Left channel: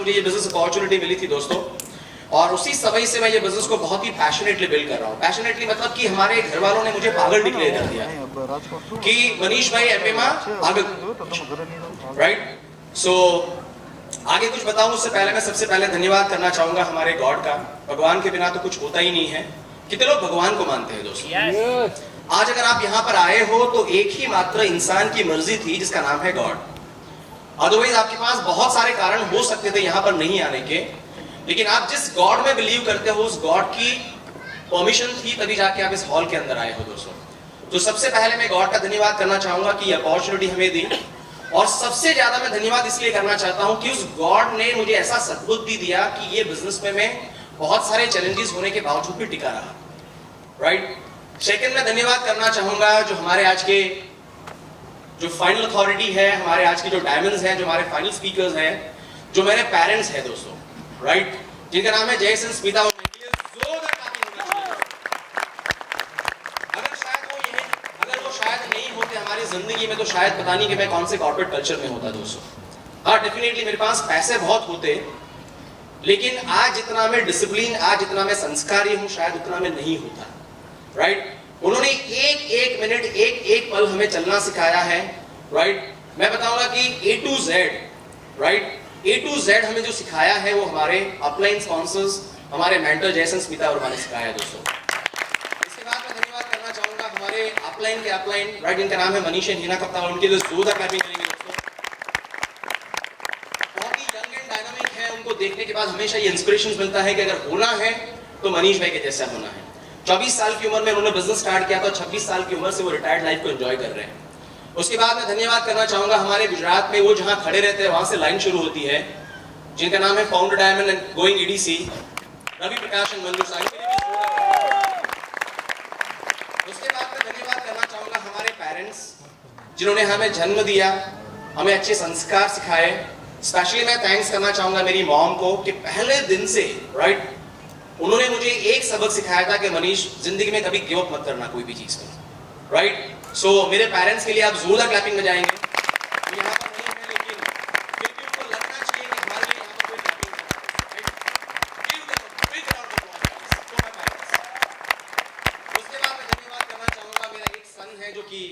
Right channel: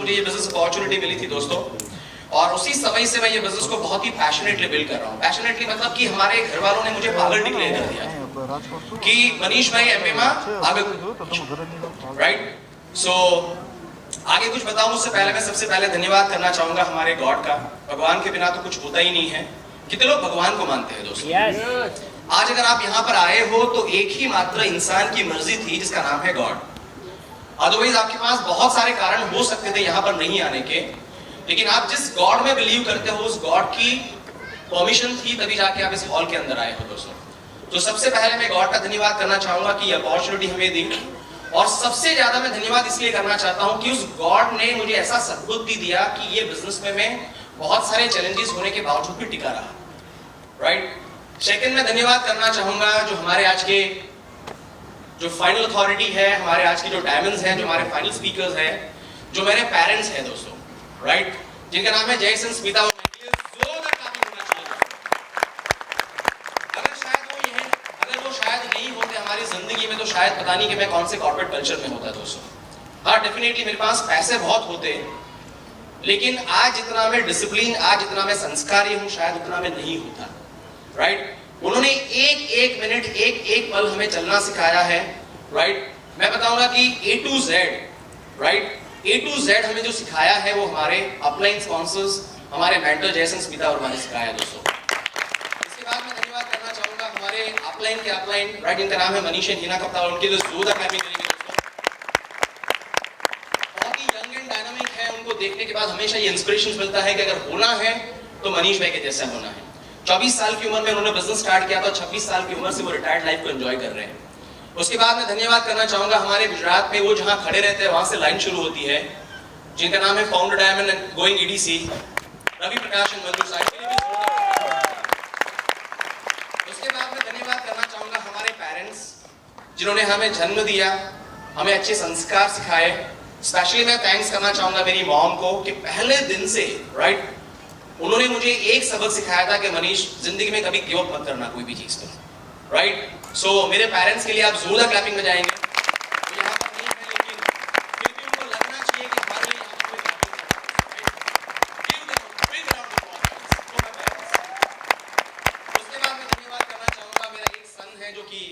मुझे ये business opportunity मिली थी दोस्तों, और उसी समय से मैं ये बिजनेस को बहुत ही पैशनेटली बिल्ड कर रहा हूँ। पैशनेटली मतलब कि हमारे घर वालों ने मुझे पागल डिक्लेयर कर दिया कि मनीष भाई एमपी में आगे, राइट। सो आगे कुछ बताऊं उससे पहले मैं सबसे पहले धन्यवाद करना चाहूंगा हमारे गॉड का। भगवान के बिना तो कुछ होता ही नहीं है। कितने लोग भगवान को मानते हैं दोस्तों? आज अगर आप यहाँ पर आए हो तो एक ही मात्र इंसान की मर्जी थी जिसका नाम है गॉड। अदरवाइज आपके पास बहुत सारे कारण हो सकते थे यहाँ पर नहीं आने के, लेकिन आप जिस गॉड में बिलीव करते हो उस गॉड की परमिशन थी तभी जाके आप इस हॉल के अंदर आए हो दोस्तों। तो सबसे पहले मैं गॉड का धन्यवाद करना चाहूंगा कि अपॉर्चुनिटी हमें दी, और सबसे ज्यादा मैं धन्यवाद इसलिए करना चाहता हूं कि उस गॉड ने मुझे ऐसा सद्बुद्धि दिया कि ये बिजनेस में मैं बहुत सारे चैलेंजेस होने के बावजूद भी टिका रहा, राइट। सेकंड मैं धन्यवाद करना चाहूंगा जो हमारे आज के जो फाइनल अथॉरिटी है, हमारे आज के जो डायमंड्स हैं, जो हमारे फाइनल स्पीकर्स हैं, जो मेरे पेरेंट्स हैं दोस्तों, राइट, जिनका नाम है जयसन स्मिता। जिंदगी में तो शायद पता नहीं कि मैं कौन से कॉर्पोरेट कल्चर में होता दोस्तों। हाँ, डेफिनेटली मेरे पास पैसे बहुत होते, लेकिन आज जितना मैं डिसिप्लिन, आज जितना मैं संस्कारी हूं, शायद उतना मैं नहीं होता, राइट। उन्होंने एक एक मिनट, एक एक पल हमें चलना सिखाया है, राइट। मैं बताऊंगा कि A to Z, right, A to Z हमें जो सिखाया है वो हमारे अपलाइन स्पॉन्सर्स, हमारे मेंटर जयसन स्मिता और हमारे सिखाया है दोस्तों। हमारे अपलाइन के अपलाइन, राइट, इनका नाम है मनीष हीना कप्ता, उनके लिए जोरदार क्लैपिंग करेंगे दोस्तों। बहुत ही यंग एंड डायनामिक है, उनको देखने के बाद हमेशा ये इंस्पिरेशन मिलता है कि अगर होना है तो मनीष भाई के जैसा होना है। 24 साल की उम्र में उन्होंने बिजनेस स्टार्ट किया था, 26 साल की उम्र से वो रिटायर्ड लाइफ को एंजॉय कर रहे हैं। उसके बाद मैं धन्यवाद करना चाहूंगा हमारे गुजरात में वो जहां खड़े रहते हैं वहां से लाइन शुरू होती है, जिनका नाम है founder diamond and going EDC, Ravi Prakash and Manju साहब। उसके बाद मैं धन्यवाद करना चाहूंगा हमारे पेरेंट्स जिन्होंने हमें जन्म दिया, हमें अच्छे संस्कार सिखाए। स्पेशली मैं थैंक्स करना चाहूंगा मेरी मॉम को कि पहले दिन से, राइट, उन्होंने मुझे एक सबक सिखाया था कि मनीष, जिंदगी में कभी गिव अप मत करना कोई भी चीज पर, राइट। सो मेरे पेरेंट्स के लिए आप जोरदार क्लैपिंग में जाएंगे। यहाँ पर नहीं है, लेकिन क्योंकि उनको लगना चाहिए कि हमारे लिए यहाँ कोई जो कि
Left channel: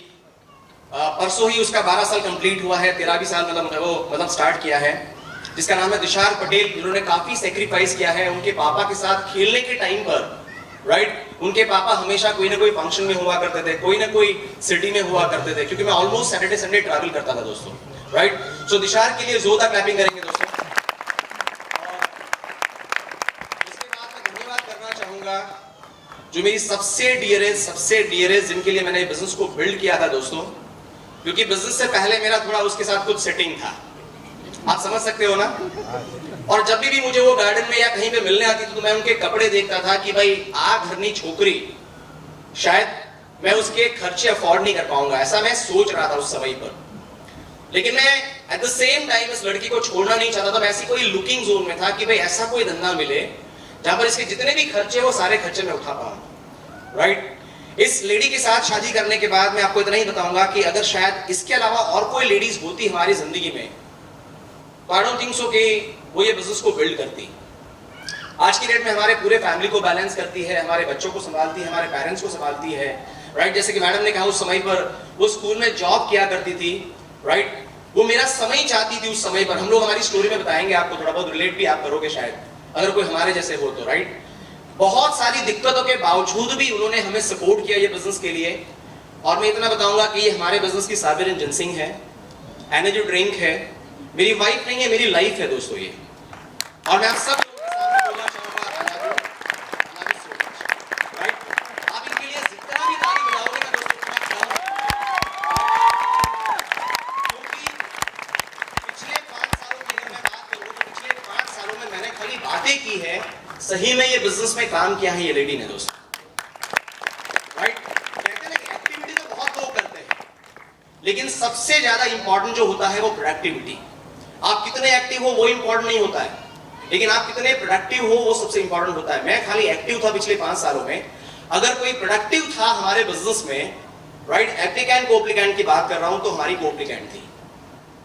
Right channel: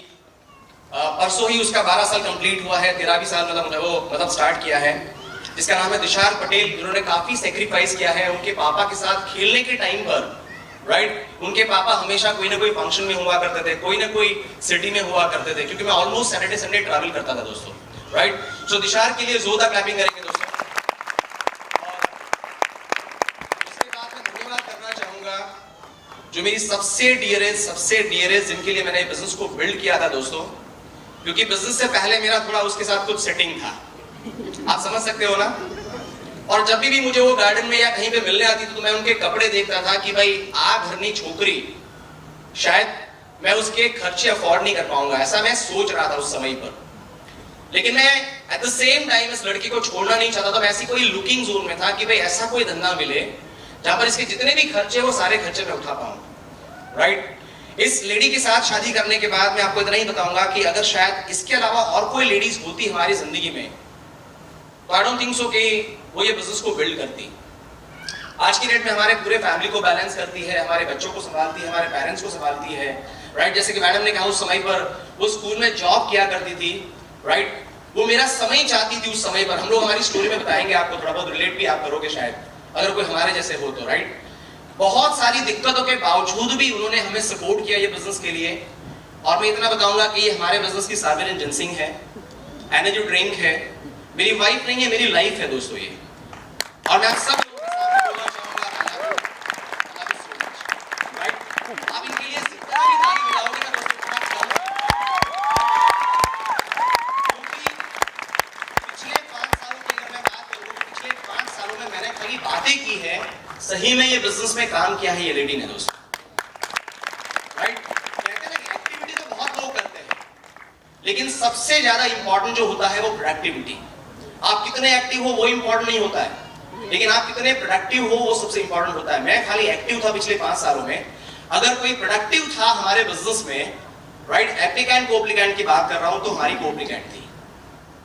परसों ही उसका 12 साल कंप्लीट हुआ है, 13 साल मतलब स्टार्ट किया है, जिसका नाम है दिशार पटेल। जिन्होंने काफी सेक्रीफाइस किया है उनके पापा के साथ खेलने के टाइम पर, राइट। उनके पापा हमेशा कोई ना कोई फंक्शन में हुआ करते थे, कोई ना कोई सिटी में हुआ करते थे, क्योंकि मैं ऑलमोस्ट सैटरडे संडे ट्रैवल करता था दोस्तों, राइट। सो दिशार के लिए जोरदार क्लैपिंग करेंगे दोस्तों। इसके बाद मैं धन्यवाद करना चाहूंगा जो मेरी सबसे डियरेस्ट जिनके लिए मैंने बिजनेस को बिल्ड किया था दोस्तों, क्योंकि बिजनेस से पहले मेरा थोड़ा उसके साथ कुछ सेटिंग था, आप समझ सकते हो ना। और जब भी मुझे वो गार्डन में या कहीं पे मिलने आती थी तो मैं उनके कपड़े देखता था कि भाई आ घरनी छोकरी, शायद मैं उसके खर्चे अफोर्ड नहीं कर पाऊंगा, ऐसा मैं सोच रहा था उस समय पर। लेकिन मैं एट द सेम टाइम इस लड़की को छोड़ना नहीं चाहता था। मैं ऐसी कोई लुकिंग जोन में था कि भाई ऐसा कोई धंधा मिले जहां पर इसके जितने भी खर्चे वो सारे खर्चे में उठा पाऊंगा, राइट। इस लेडी के साथ शादी करने के बाद मैं आपको इतना ही बताऊंगा कि अगर शायद इसके अलावा और कोई लेडीज होती हमारी जिंदगी में तो आई डोंट थिंक सो कि वो ये बिजनेस को बिल्ड करती। आज की डेट में हमारे पूरे फैमिली को बैलेंस करती है, हमारे बच्चों को संभालती है, हमारे पेरेंट्स को संभालती है, राइट। जैसे कि मैडम ने कहा उस समय पर वो स्कूल में जॉब किया करती थी, राइट। वो मेरा समय चाहती थी उस समय पर। हम लोग हमारी स्टोरी में बताएंगे आपको, थोड़ा बहुत रिलेट भी आप करोगे शायद अगर कोई हमारे जैसे हो तो, राइट। बहुत सारी दिक्कतों के बावजूद भी उन्होंने हमें सपोर्ट किया ये बिजनेस के लिए। और मैं इतना बताऊंगा कि ये हमारे बिजनेस की साबिर जिनसिंग है, एनर्जी ड्रिंक है, मेरी वाइफ नहीं है, मेरी लाइफ है दोस्तों ये। और मैं सब लोगों के सामने बोलना चाहूंगा राइट। आप इनके लिए जितना भी ताली बजाओगे ना दोस्तों, क्योंकि पिछले 5 सालों की अगर मैं बात करूं तो पिछले 5 सालों में मैंने खाली बातें की है, सही में ये बिजनेस में काम किया है ये लेडी ने दोस्तों, राइट। कहते हैं कि एक्टिविटी तो बहुत लोग करते हैं, लेकिन सबसे ज्यादा इंपॉर्टेंट जो होता है वो प्रोडक्टिविटी। आप कितने एक्टिव हो वो इंपॉर्टेंट नहीं होता है, लेकिन आप कितने प्रोडक्टिव हो वो सबसे इंपॉर्टेंट होता है। मैं खाली एक्टिव था पिछले 5 सालों में, अगर कोई प्रोडक्टिव था हमारे बिजनेस में, राइट, एप्लीकेंट कोप्लीकेंट की बात कर रहा हूं तो हमारी कोप्लीकेंट थी,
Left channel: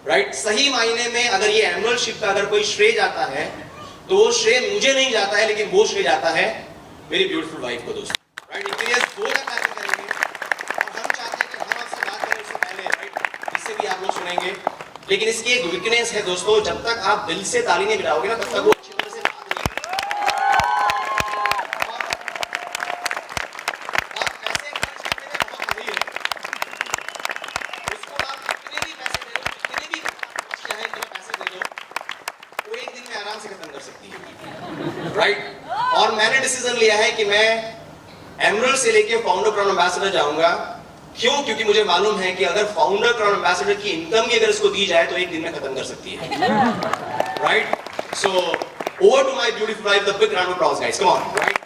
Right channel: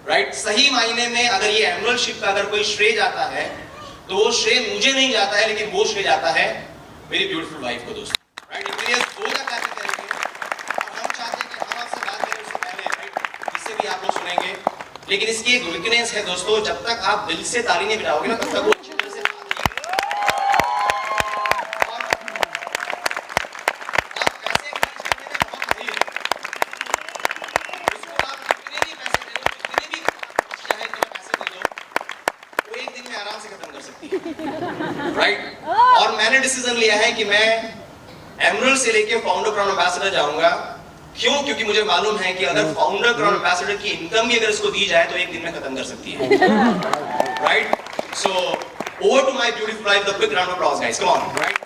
राइट? सही मायने में अगर ये एनुअल शिप का अगर कोई श्रेय जाता है तो वो श्रेय मुझे नहीं जाता है, लेकिन वो श्रेय जाता है मेरी ब्यूटीफुल वाइफ को दोस्तों, राइट? इंजीनियर्स 2 लाख करेंगे और हम चाहते हैं कि हम आपसे बात करें उससे पहले, राइट? इससे भी आप लोग सुनेंगे, लेकिन इसकी एक वीकनेस है दोस्तों, जब तक आप दिल से ताली नहीं बजाओगे ना तब तक वो अच्छी तरह से राइट? और मैंने डिसीजन लिया है कि मैं एमरल्ड से लेके फाउंडर क्राउन एम्बेसडर जाऊंगा। क्यों? क्योंकि मुझे मालूम है कि अगर फाउंडर क्राउन एम्बेसडर की इनकम ही अगर इसको दी जाए तो एक दिन में खत्म कर सकती है, right? So over to my beautiful wife, the big round of applause guys, come on, right?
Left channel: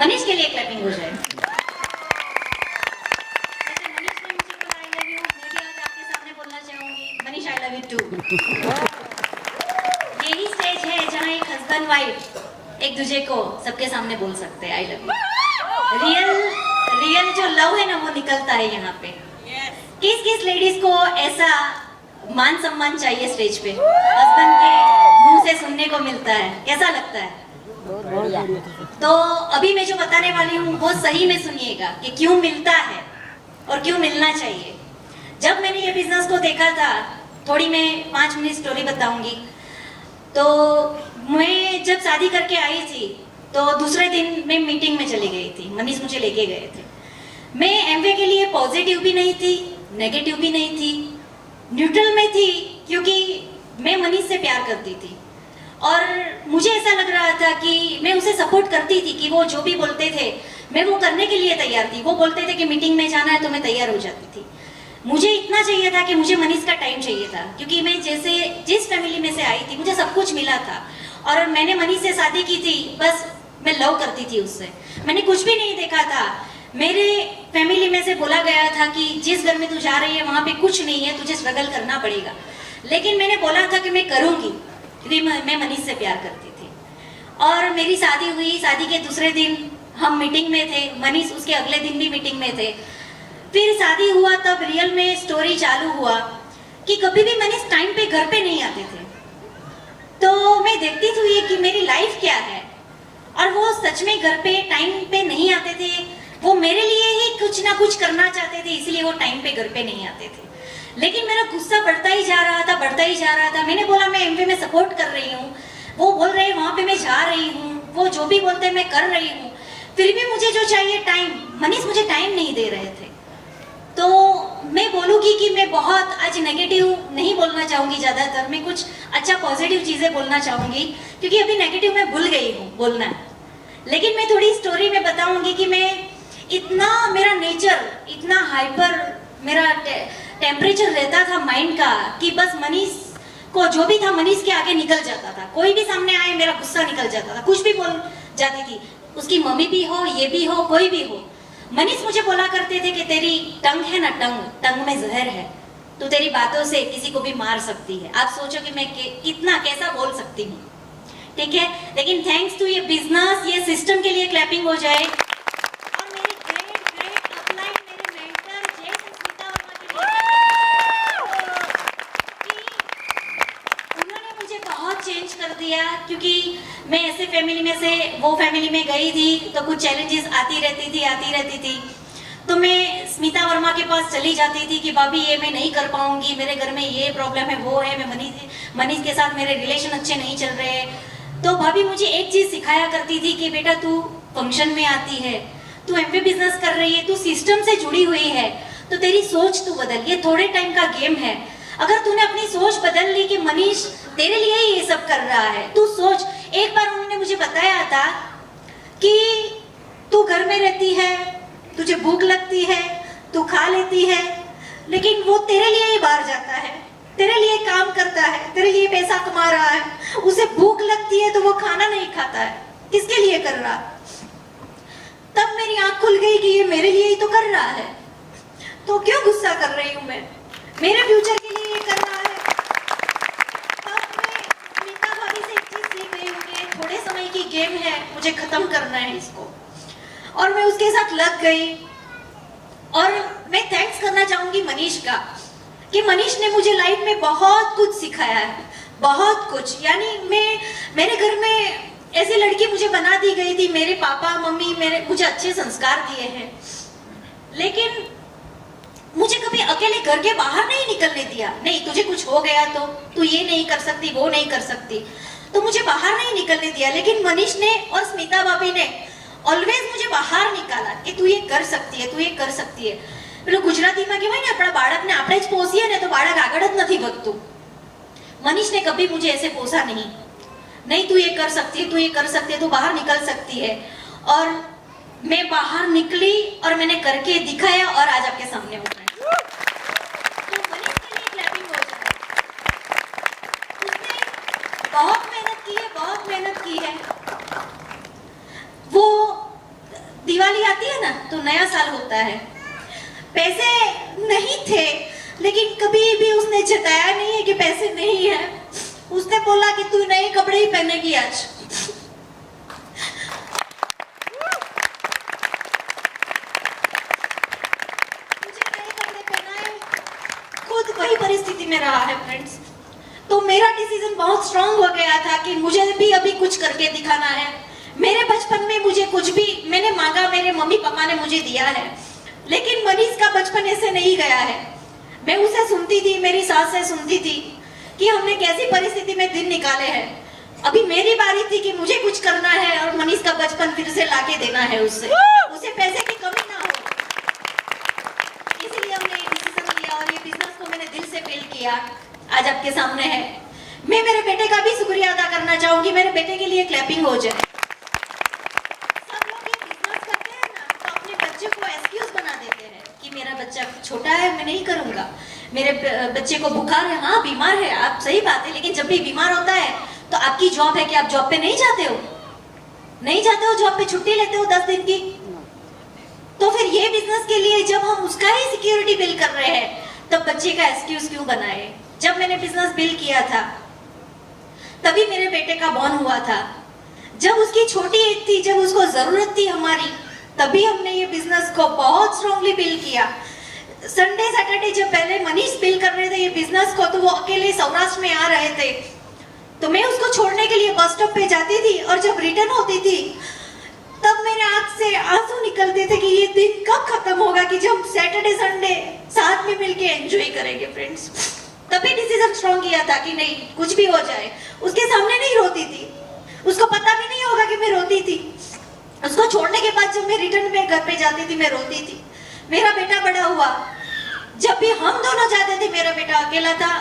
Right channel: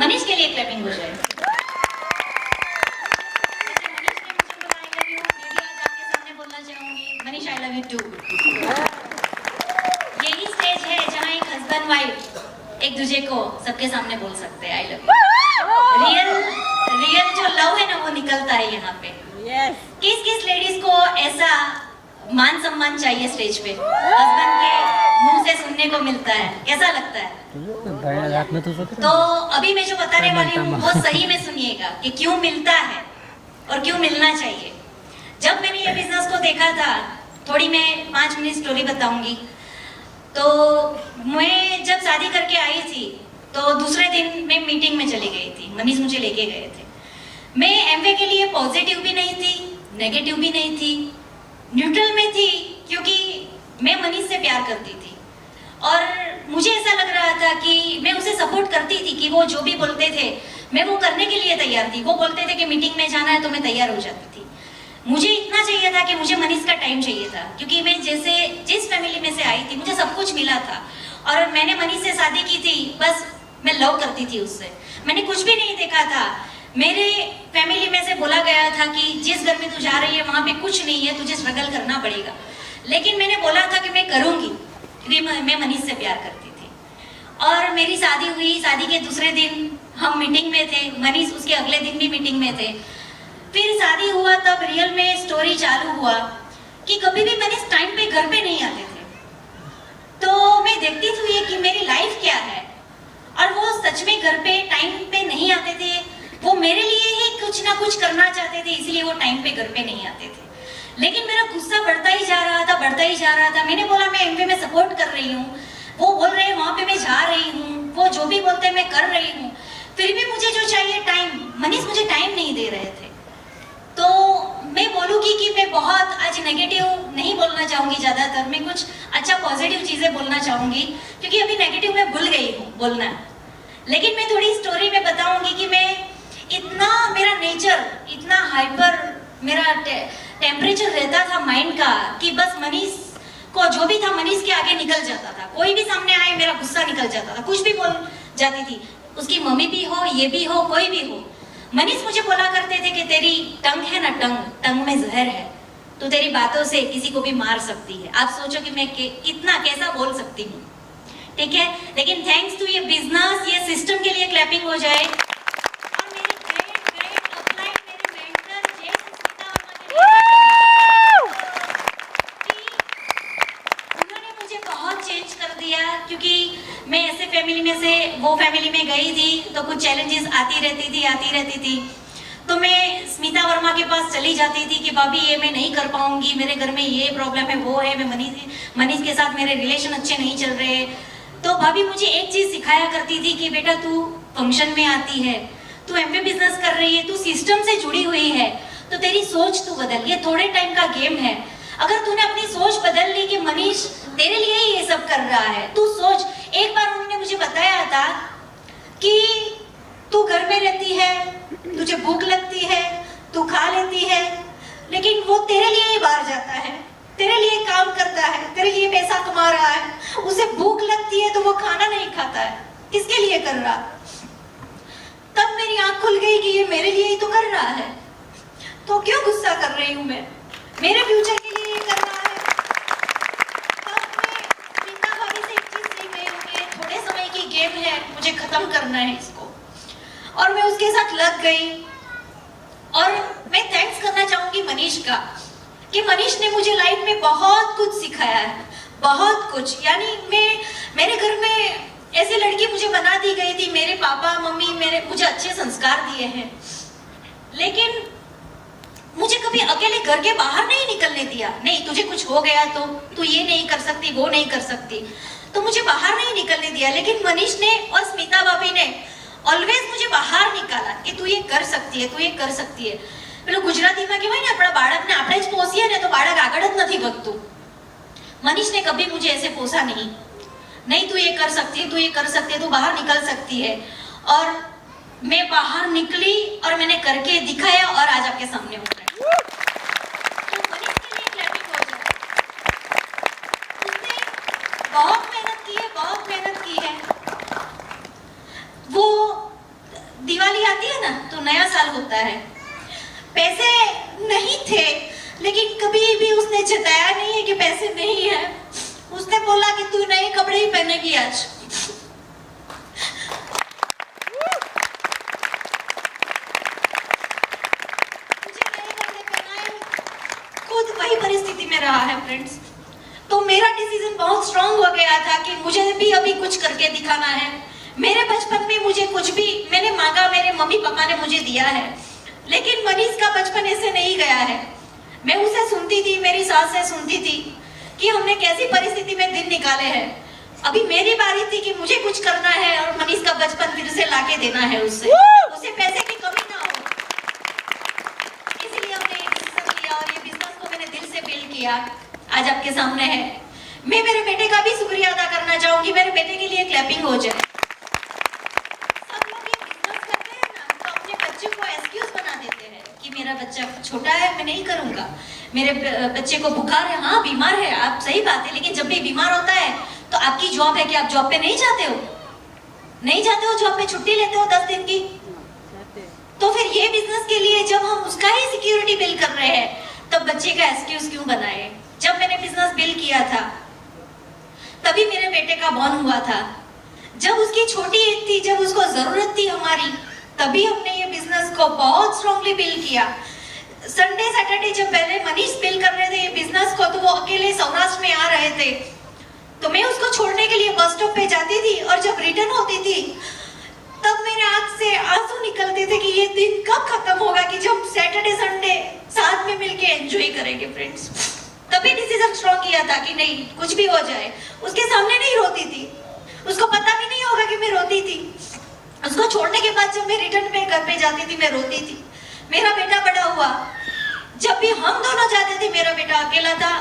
Manish के लिए क्लैपिंग हो जाए। मनीष ने मुझे बोला आई लव यू, मैं भी आज आपके सामने बोलना चाहूंगी Manish I love you too. यही स्टेज है जहाँ एक हस्बैंड वाइफ एक दूसरे को सबके सामने बोल सकते हैं आई लव यू। रियल जो लव है ना वो निकलता है यहाँ पे। किस किस लेडीज को ऐसा मान सम्मान चाहिए स्टेज पे, हस्बैंड के मुंह से सुनने को मिलता है, कैसा लगता है? तो अभी मैं जो बताने वाली हूँ वो सही में सुनिएगा कि क्यों मिलता है और क्यों मिलना चाहिए। जब मैंने ये बिजनेस को देखा था, थोड़ी मैं 5 मिनट स्टोरी बताऊंगी। तो मैं जब शादी करके आई थी तो दूसरे दिन मैं मीटिंग में चली गई थी, मनीष मुझे लेके गए थे। मैं एमवे के लिए पॉजिटिव भी नहीं थी, नेगेटिव भी नहीं थी, न्यूट्रल में थी, क्योंकि मैं मनीष से प्यार करती थी और मुझे ऐसा लग रहा था कि मैं उसे सपोर्ट करती थी कि वो जो भी बोलते थे मैं वो करने के लिए तैयार थी। वो बोलते थे कि मीटिंग में जाना है तो मैं तैयार हो जाती थी। मुझे इतना चाहिए था कि मुझे मनीष का टाइम चाहिए था, क्योंकि मैं जैसे जिस फैमिली में से आई थी मुझे सब कुछ मिला था और मैंने मनीष से शादी की थी, बस मैं लव करती थी उससे। मैंने कुछ भी नहीं देखा था। मेरे फैमिली में से बोला गया था कि जिस घर में तू जा रही है वहां पे कुछ नहीं है, तुझे स्ट्रगल करना पड़ेगा। लेकिन मैंने बोला था कि मैं करूंगी, क्योंकि मैं मनीष से प्यार करती थी। और मेरी शादी हुई, शादी के दूसरे दिन हम मीटिंग में थे, मनीष उसके अगले दिन भी मीटिंग में थे। फिर शादी हुआ तब रियल में स्टोरी चालू हुआ कि कभी भी मनीष टाइम पे घर पे नहीं आते थे। तो मैं देखती थी ये कि मेरी लाइफ क्या है, और वो सच में घर पे टाइम पे नहीं आते थे। वो मेरे लिए ही कुछ ना कुछ करना चाहते थे, इसलिए वो टाइम पे घर पे नहीं आते थे। लेकिन मेरा गुस्सा बढ़ता ही जा रहा था, बढ़ता ही जा रहा था। मैंने बोला मैं एमवे में सपोर्ट कर रही हूँ, वो बोल रहे हैं वहां पे मैं जा रही हूँ, वो जो भी बोलते हैं मैं कर रही हूँ, फिर भी मुझे जो चाहिए टाइम, मनीष मुझे टाइम नहीं दे रहे थे। तो मैं बोलूंगी कि मैं बहुत आज नेगेटिव नहीं बोलना चाहूंगी ज्यादातर, मैं कुछ अच्छा पॉजिटिव चीजें बोलना चाहूंगी, क्योंकि अभी नेगेटिव मैं भूल गई हूँ बोलना। लेकिन मैं थोड़ी स्टोरी में बताऊंगी कि मैं इतना, मेरा नेचर इतना हाइपर, मेरा टेम्परेचर रहता था माइंड का कि बस मनीष को जो भी था मनीष के आगे निकल जाता था। कोई भी सामने आए मेरा गुस्सा निकल जाता था, कुछ भी बोल जाती थी, उसकी मम्मी भी हो, ये भी हो, कोई भी हो। मनीष मुझे बोला करते थे कि तेरी टंग है ना, टंग में जहर है, तो तेरी बातों से किसी को भी मार सकती है। आप सोचो कि मैं कितना कैसा बोल सकती हूँ, ठीक है। लेकिन थैंक्स टू ये बिजनेस, ये सिस्टम के लिए क्लैपिंग हो जाए। और मेरी ग्रेट अपलाइन, मेरे मेंटर जय स्मिता उन्होंने मुझे बहुत चेंज कर दिया, क्योंकि मैं ऐसे फैमिली में से वो फैमिली में गई थी तो कुछ चैलेंजेस आती रहती थी। तो मैं स्मिता वर्मा के पास चली जाती थी कि भाभी ये मैं नहीं कर पाऊंगी, मेरे घर में ये प्रॉब्लम है, वो है, मैं मनीष के साथ मेरे रिलेशन अच्छे नहीं चल रहे। तो भाभी मुझे एक चीज सिखाया करती थी कि बेटा तू फंक्शन में आती है, तू एमवे बिजनेस कर रही है, तू सिस्टम से जुड़ी हुई है, तो तेरी सोच तू बदल, ये थोड़े टाइम का गेम है। अगर तूने अपनी सोच बदल ली कि मनीष तेरे लिए ही ये सब कर रहा है, तू सोच। एक बार उन्होंने मुझे बताया था कि तू घर में रहती है, तुझे भूख लगती है, तू खा लेती है, लेकिन वो तेरे लिए ही बाहर जाता है, तेरे लिए काम करता है, तेरे लिए पैसा कमा रहा है, उसे भूख लगती है तो वो खाना नहीं खाता है, किसके लिए कर रहा? तब मेरी आंख खुल गई कि ये मेरे लिए ही तो कर रहा है, तो क्यों गुस्सा कर रही हूं मैं? मेरे फ्यूचर के लिए ये कर रहा है। तब मैं मीता भाभी से एक चीज सीख गई हूं कि थोड़े समय की गेम है, मुझे खत्म करना है इसको, और मैं उसके साथ लग गई। और मैं थैंक्स करना चाहूंगी मनीष का, कि मनीष ने मुझे लाइफ में बहुत कुछ सिखाया है, बहुत कुछ। यानी मेरे घर में ऐसी लड़की मुझे बना दी गई थी, मेरे पापा मम्मी मुझे अच्छे संस्कार दिए हैं, लेकिन मुझे कभी अकेले घर के बाहर नहीं निकलने दिया। नहीं, तुझे कुछ हो गया तो तू ये नहीं कर सकती, वो नहीं कर सकती, तो मुझे बाहर नहीं निकलने दिया। लेकिन मनीष ने और स्मिता भाभी ने ऑलवेज मुझे बाहर निकाला कि तू ये कर सकती है, तू ये कर सकती है। પેલું ગુજરાતીમાં કહેવાય ને, આપણા બાળકને આપણે જ પોષીએ ને તો બાળક આગળ જ નથી વધતું। मनीष ने कभी मुझे ऐसे पोसा नहीं, नहीं तू ये कर सकती है, तू ये कर सकती है, तू बाहर निकल सकती है। और मैं बाहर निकली और मैंने करके दिखाया और आज आपके सामने हूँ। तो मनीष के लिए क्लैपिंग हो जाए। उसने बहुत मेहनत की है, बहुत मेहनत की है। वो दिवाली आती है ना तो नया साल होता है, पैसे नहीं थे, लेकिन कभी भी उसने जताया नहीं है कि पैसे नहीं है। उसने बोला कि तू नए कपड़े ही पहनेगी आज। मुझे नए कपड़े पहनाए, खुद वही परिस्थिति में रहा है फ्रेंड्स। तो मेरा डिसीजन बहुत स्ट्रांग हो गया था कि मुझे भी अभी कुछ करके दिखाना है। मेरे बचपन में मुझे कुछ भी मैंने मांगा, मेरे मम्मी पापा ने मुझे दिया है, लेकिन मनीष का बचपन ऐसे नहीं गया है। मैं उसे सुनती थी, मेरी सास से सुनती थी कि हमने कैसी परिस्थिति में दिन निकाले हैं। अभी मेरी बारी थी कि मुझे कुछ करना है और मनीष का बचपन फिर से लाके देना है उसे पैसे की कमी ना हो। इसलिए हमने ये डिसीजन लिया और ये बिजनेस को मैंने दिल से बिल्ड किया, आज आपके सामने है। मैं मेरे बेटे का भी शुक्रिया अदा करना चाहूंगी। मेरे बेटे के लिए क्लैपिंग हो जाए। सब लोग ये बिजनेस करते हैं ना तो अपने बच्चे को एक्सक्यूज बना देते हैं कि मेरा बच्चा छोटा है, मैं नहीं करूंगा, मेरे बच्चे को बुखार है, हाँ बीमार है, आप सही बात है, लेकिन जब भी बीमार होता है तो आपकी जॉब है कि आप जॉब पे नहीं जाते हो, नहीं जाते हो जॉब पे, छुट्टी लेते हो 10 दिन की। तो फिर ये बिजनेस के लिए जब हम उसका ही सिक्योरिटी बिल कर रहे हैं तब बच्चे का एक्सक्यूज क्यों बनाए? जब मैंने बिजनेस बिल किया था तभी मेरे बेटे का बॉर्न हुआ था, जब उसकी छोटी एज थी, जब उसको जरूरत थी हमारी, तभी हमने ये बिजनेस को बहुत स्ट्रांगली बिल किया। संडे सैटरडे जब पहले मनीष बिल कर रहे थे ये बिजनेस को, तो वो अकेले सौराष्ट्र में आ रहे थे, तो मैं उसको छोड़ने के लिए बस स्टॉप पे जाती थी और जब रिटर्न होती थी तब मेरे आंख से आंसू निकलते थे कि ये दिन कब खत्म होगा कि जब सैटरडे संडे साथ में मिलके एंजॉय करेंगे फ्रेंड्स। तभी डिसीजन स्ट्रांग किया था कि नहीं, कुछ भी हो जाए। उसके सामने नहीं रोती थी, उसको पता भी नहीं होगा कि मैं रोती थी। उसको छोड़ने के बाद जब मैं रिटर्न में घर पे जाती थी मैं रोती थी। मेरा बेटा बड़ा हुआ, जब भी हम दोनों जाते थे, मेरा बेटा अकेला था,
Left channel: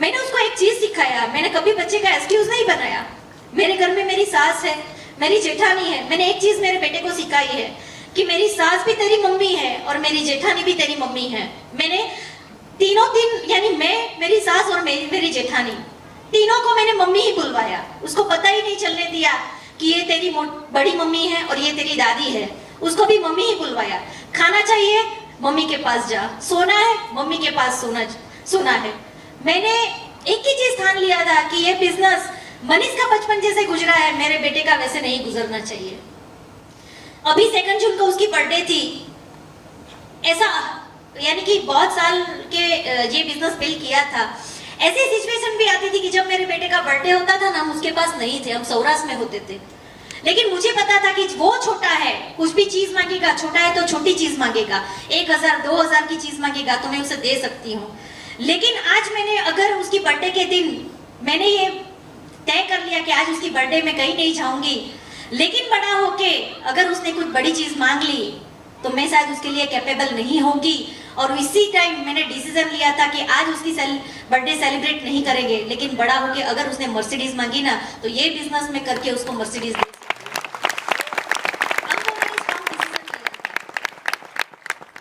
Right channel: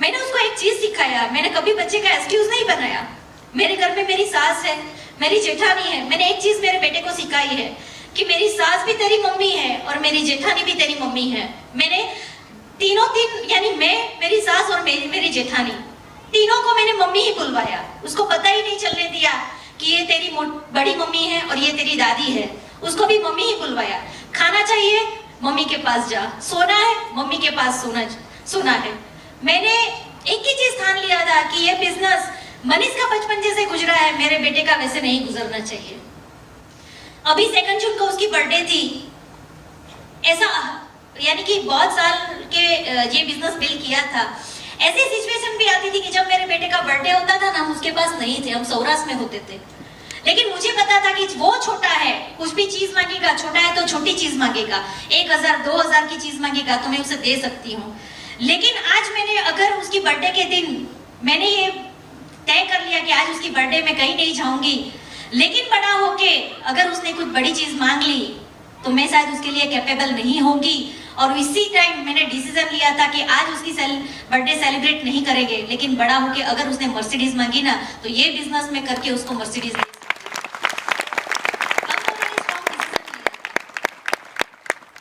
मैंने उसको एक चीज सिखाया, मैंने कभी बच्चे का एक्सक्यूज नहीं बनाया। मेरे घर में मेरी सास है, मेरी जेठानी है, मैंने एक चीज मेरे बेटे को सिखाई है कि मेरी सास भी तेरी मम्मी है और मेरी जेठानी भी तेरी मम्मी है। मैंने तीन यानी मैं, मेरी सास और मेरी जेठानी, तीनों को मैंने मम्मी ही बुलवाया। उसको पता ही नहीं चलने दिया कि ये तेरी बड़ी मम्मी है और ये तेरी दादी है, उसको भी मम्मी ही बुलवाया। खाना चाहिए, मम्मी के पास जा, सोना है, मम्मी के पास सोना है। मैंने एक ही चीज ठान लिया था कि ये बिजनेस मनीष का बचपन जैसे गुजरा है, मेरे बेटे का वैसे नहीं गुजरना चाहिए। अभी 2 जून को उसकी बर्थडे थी, ऐसा यानी कि बहुत साल के ये बिजनेस बिल किया था। ऐसी सिचुएशन भी आती थी कि जब मेरे बेटे का बर्थडे होता था ना, हम उसके पास नहीं थे, हम सौराष्ट्र में होते थे, लेकिन मुझे पता था कि वो छोटा है, कुछ भी चीज मांगेगा, छोटा है तो छोटी चीज मांगेगा, 1000 2000 की चीज मांगेगा तो मैं उसे दे सकती हूँ। लेकिन आज मैंने अगर उसकी बर्थडे के दिन मैंने ये तय कर लिया कि आज उसकी बर्थडे में कहीं नहीं जाऊंगी, लेकिन बड़ा होके अगर उसने कुछ बड़ी चीज मांग ली तो मैं शायद उसके लिए कैपेबल नहीं होगी। और इसी टाइम मैंने डिसीजन लिया था कि आज उसकी बर्थडे सेलिब्रेट नहीं करेंगे, लेकिन बड़ा होके अगर उसने मर्सिडीज मांगी ना तो ये बिजनेस में करके उसको मर्सिडीज दे।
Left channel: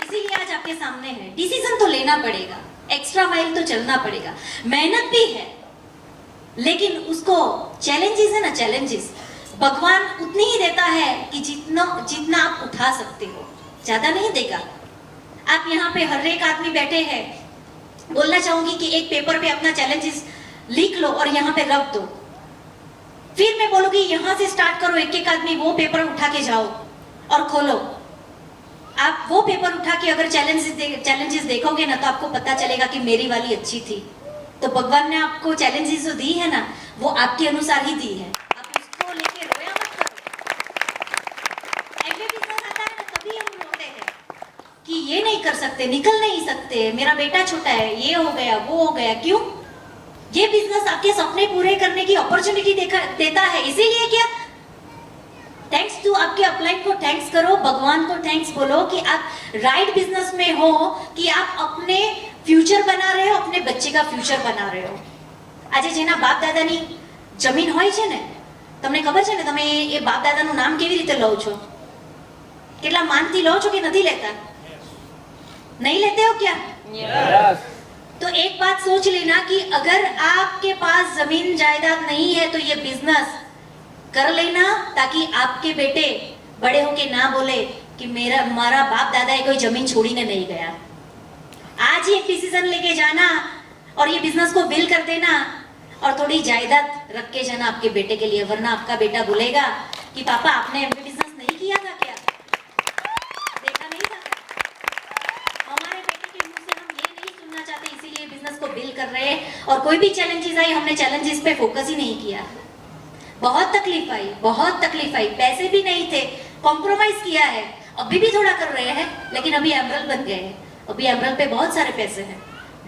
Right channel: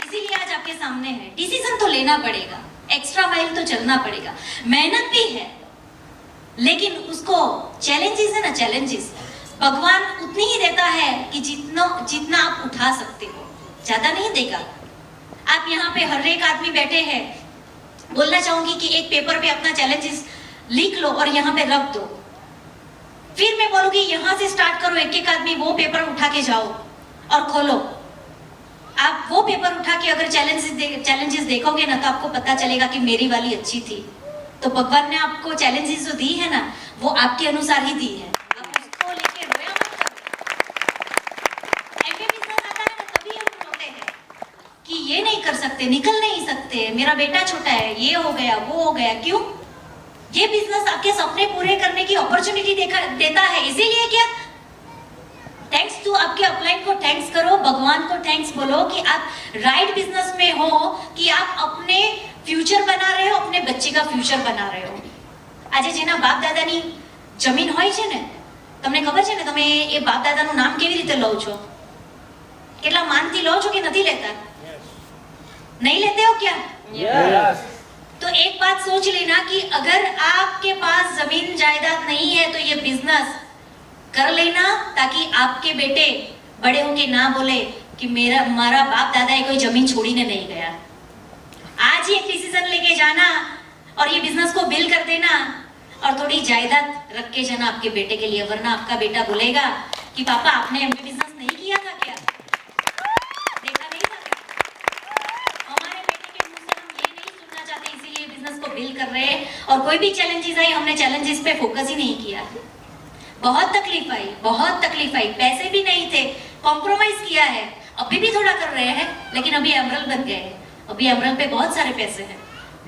इसीलिए आज आपके सामने है। डिसीजन तो लेना पड़ेगा, एक्स्ट्रा माइल तो चलना पड़ेगा, मेहनत भी है, लेकिन उसको चैलेंजेस है ना, चैलेंजेस भगवान उतनी ही देता है कि जितना आप उठा सकते हो, ज्यादा नहीं देगा। आप यहाँ पे हर एक आदमी बैठे हैं, बोलना चाहूंगी कि एक पेपर पे अपना चैलेंजेस लिख लो और यहाँ पे रख दो, फिर मैं बोलूंगी यहाँ से स्टार्ट करो, एक एक आदमी वो पेपर उठा के जाओ और खोलो। आप वो पेपर उठा के अगर चैलेंजेस देखोगे ना, तो आपको पता चलेगा कि मेरी वाली अच्छी थी। तो भगवान ने आपको चैलेंजेस जो दी है ना, वो आपके अनुसार ही दी है, आप उसको लेके रोया मत करो। ऐसे बिजनेस आता है ना, तभी हम रोते हैं कि ये नहीं कर सकते, निकल नहीं सकते, मेरा बेटा छोटा है, ये हो गया वो हो गया। क्यों? ये बिजनेस आपके सपने पूरे करने की अपॉर्चुनिटी देता है, इसीलिए क्या थैंक्स टू आपके अपलाइन को थैंक्स करो, भगवान को थैंक्स बोलो कि आप राइट बिजनेस में हो, कि आप अपने फ्यूचर बना रहे हो, अपने बच्चे का फ्यूचर बना रहे हो। આજે જેના બાપ દાદાની જમીન હોય છે ને, તમને ખબર છે ને, તમે એ બાપ દાદાનું નામ કેવી રીતે લો છો? કેટલા માનથી લો છો કે નથી લેતા? नहीं लेते हो क्या? Yes. तो एक बात सोच लेना कि अगर आपके पास जमीन जायदाद नहीं है तो ये बिजनेस कर लेना, ताकि आपके बेटे बड़े होके ना बोले कि हमारा बाप दादा कोई जमीन छोड़ीने नहीं गया। आज ही एक डिसीजन लेके जाना और ये बिजनेस को बिल कर देना और थोड़ी जायदाद रख के जाना आपके बेटे के लिए, वरना आपका बेटा बोलेगा कि पापा आपने एमबी बिजनेस नहीं किया था क्या, देखा नहीं था? हमारे बेटे के मुंह से हम ये नहीं सुनना चाहते, इसीलिए बिजनेस को बिल कर रहे हैं। और कोई भी चैलेंजेस आई, हमने चैलेंजेस पे फोकस ही नहीं किया। बहुत तकलीफ आई, बहुत तकलीफ आई, पैसे भी नहीं थे, कॉम्प्रोमाइज किया है, अभी भी थोड़ा कर रहे हैं, लेकिन अभी एमरल्ड बन गए हैं। अभी एमरल्ड पे बहुत सारे पैसे हैं,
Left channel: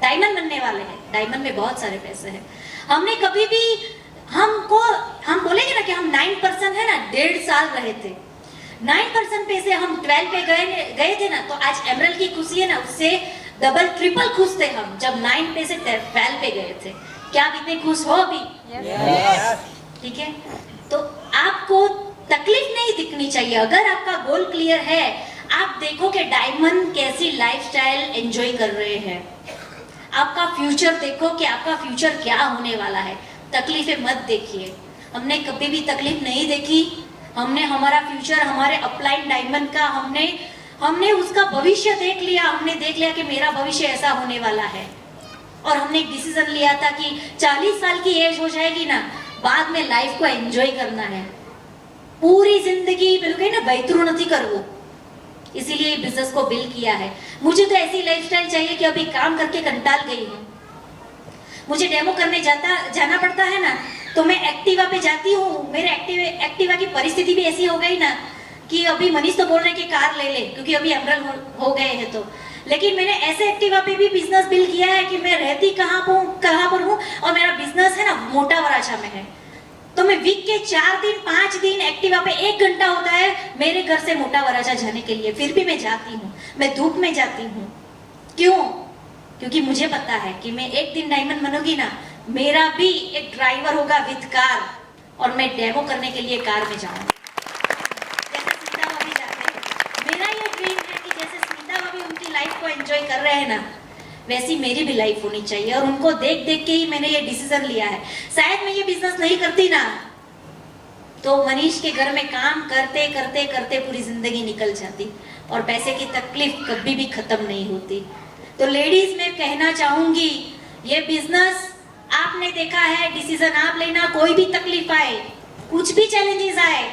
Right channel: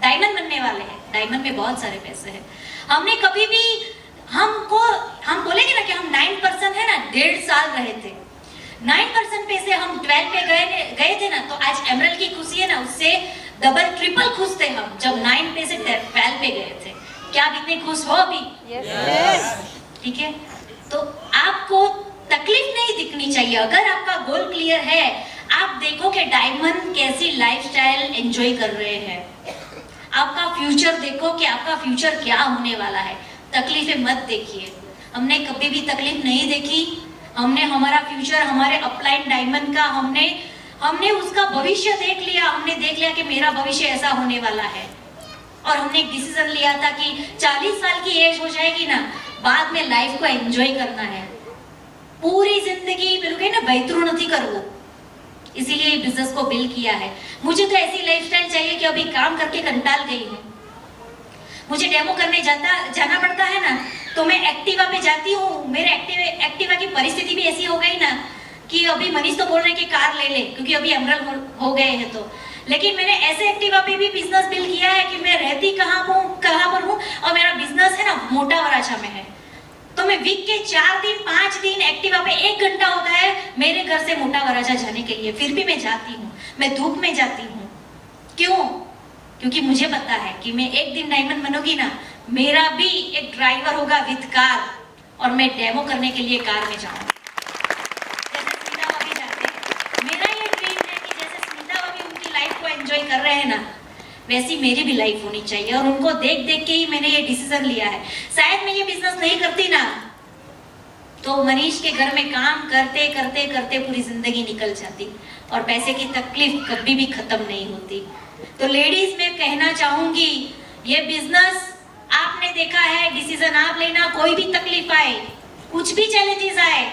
डायमंड बनने वाले हैं, डायमंड में बहुत सारे पैसे हैं। हमने कभी भी हम बोलेंगे ना कि हम 9% है ना, 1.5 साल रहे थे, 9% पे से हम 12 पे गए थे ना, तो आज एमरल्ड की खुशी है ना, उससे डबल ट्रिपल खुश थे हम जब 9 पे से 12 पे गए थे। क्या आप इतने खुश हो अभी? Yes. ठीक है, तो आपको तकलीफ नहीं दिखनी चाहिए। अगर आपका गोल क्लियर है, आप देखो कि डायमंड कैसी लाइफस्टाइल एंजॉय कर रहे हैं, आपका फ्यूचर देखो कि आपका फ्यूचर क्या होने वाला है, तकलीफें मत देखिए। हमने कभी भी तकलीफ नहीं देखी, हमने हमारा फ्यूचर, हमारे अपलाइन डायमंड का हमने उसका भविष्य देख लिया, हमने देख लिया कि मेरा भविष्य ऐसा होने वाला है। और हमने एक डिसीजन लिया था कि 40 साल की एज हो जाएगी ना, बाद में लाइफ को एंजॉय करना है, पूरी जिंदगी बिल्कुल ना बैतरू नहीं करवो, इसीलिए बिजनेस को बिल किया है। मुझे तो ऐसी लाइफस्टाइल चाहिए कि अभी काम करके कंटाल गई हूँ, मुझे डेमो करने जाना पड़ता है ना, तो मैं एक्टिवा पे जाती हूँ। मेरे एक्टिवा की परिस्थिति भी ऐसी हो गई ना कि अभी मनीष तो बोल रहे कि कार ले ले, क्योंकि अभी एमरल्ड हो गए हैं। तो लेकिन मैंने ऐसे एक्टिवा पे भी बिजनेस बिल किया है कि मैं रहती कहाँ पर हूँ, और मेरा बिजनेस है ना मोटा वराछा में है, तो मैं वीक के 4 दिन 5 दिन एक्टिवा पे 1 घंटा होता है मेरे घर से मोटा वराछा जाने के लिए, फिर भी मैं जाती हूँ, मैं धूप में जाती हूँ। क्यों? क्योंकि मुझे पता है कि मैं एक दिन डायमंड बनूंगी ना, मेरा भी एक ड्राइवर होगा विद कार, और मैं डेमो करने के लिए कार में जाऊंगी। जैसे स्मिता भाभी जाते हैं, मेरा ये ड्रीम है कि जैसे स्मिता भाभी उनकी लाइफ को एंजॉय कर रहे हैं ना, वैसी मेरी भी लाइफ होनी चाहिए। और उनको देख देख के ही मैंने ये डिसीजन लिया है। शायद मैं ये बिजनेस नहीं करती ना, तो मनीष के घर में काम करते करते करते पूरी जिंदगी निकल जाती, और पैसे की तकलीफ कभी भी खत्म नहीं होती। तो लेडीज मैं कहना चाहूंगी, ये बिजनेस आपने देखा है, डिसीजन आप लेना। कोई भी तकलीफ आए, कुछ भी चैलेंजेस आए,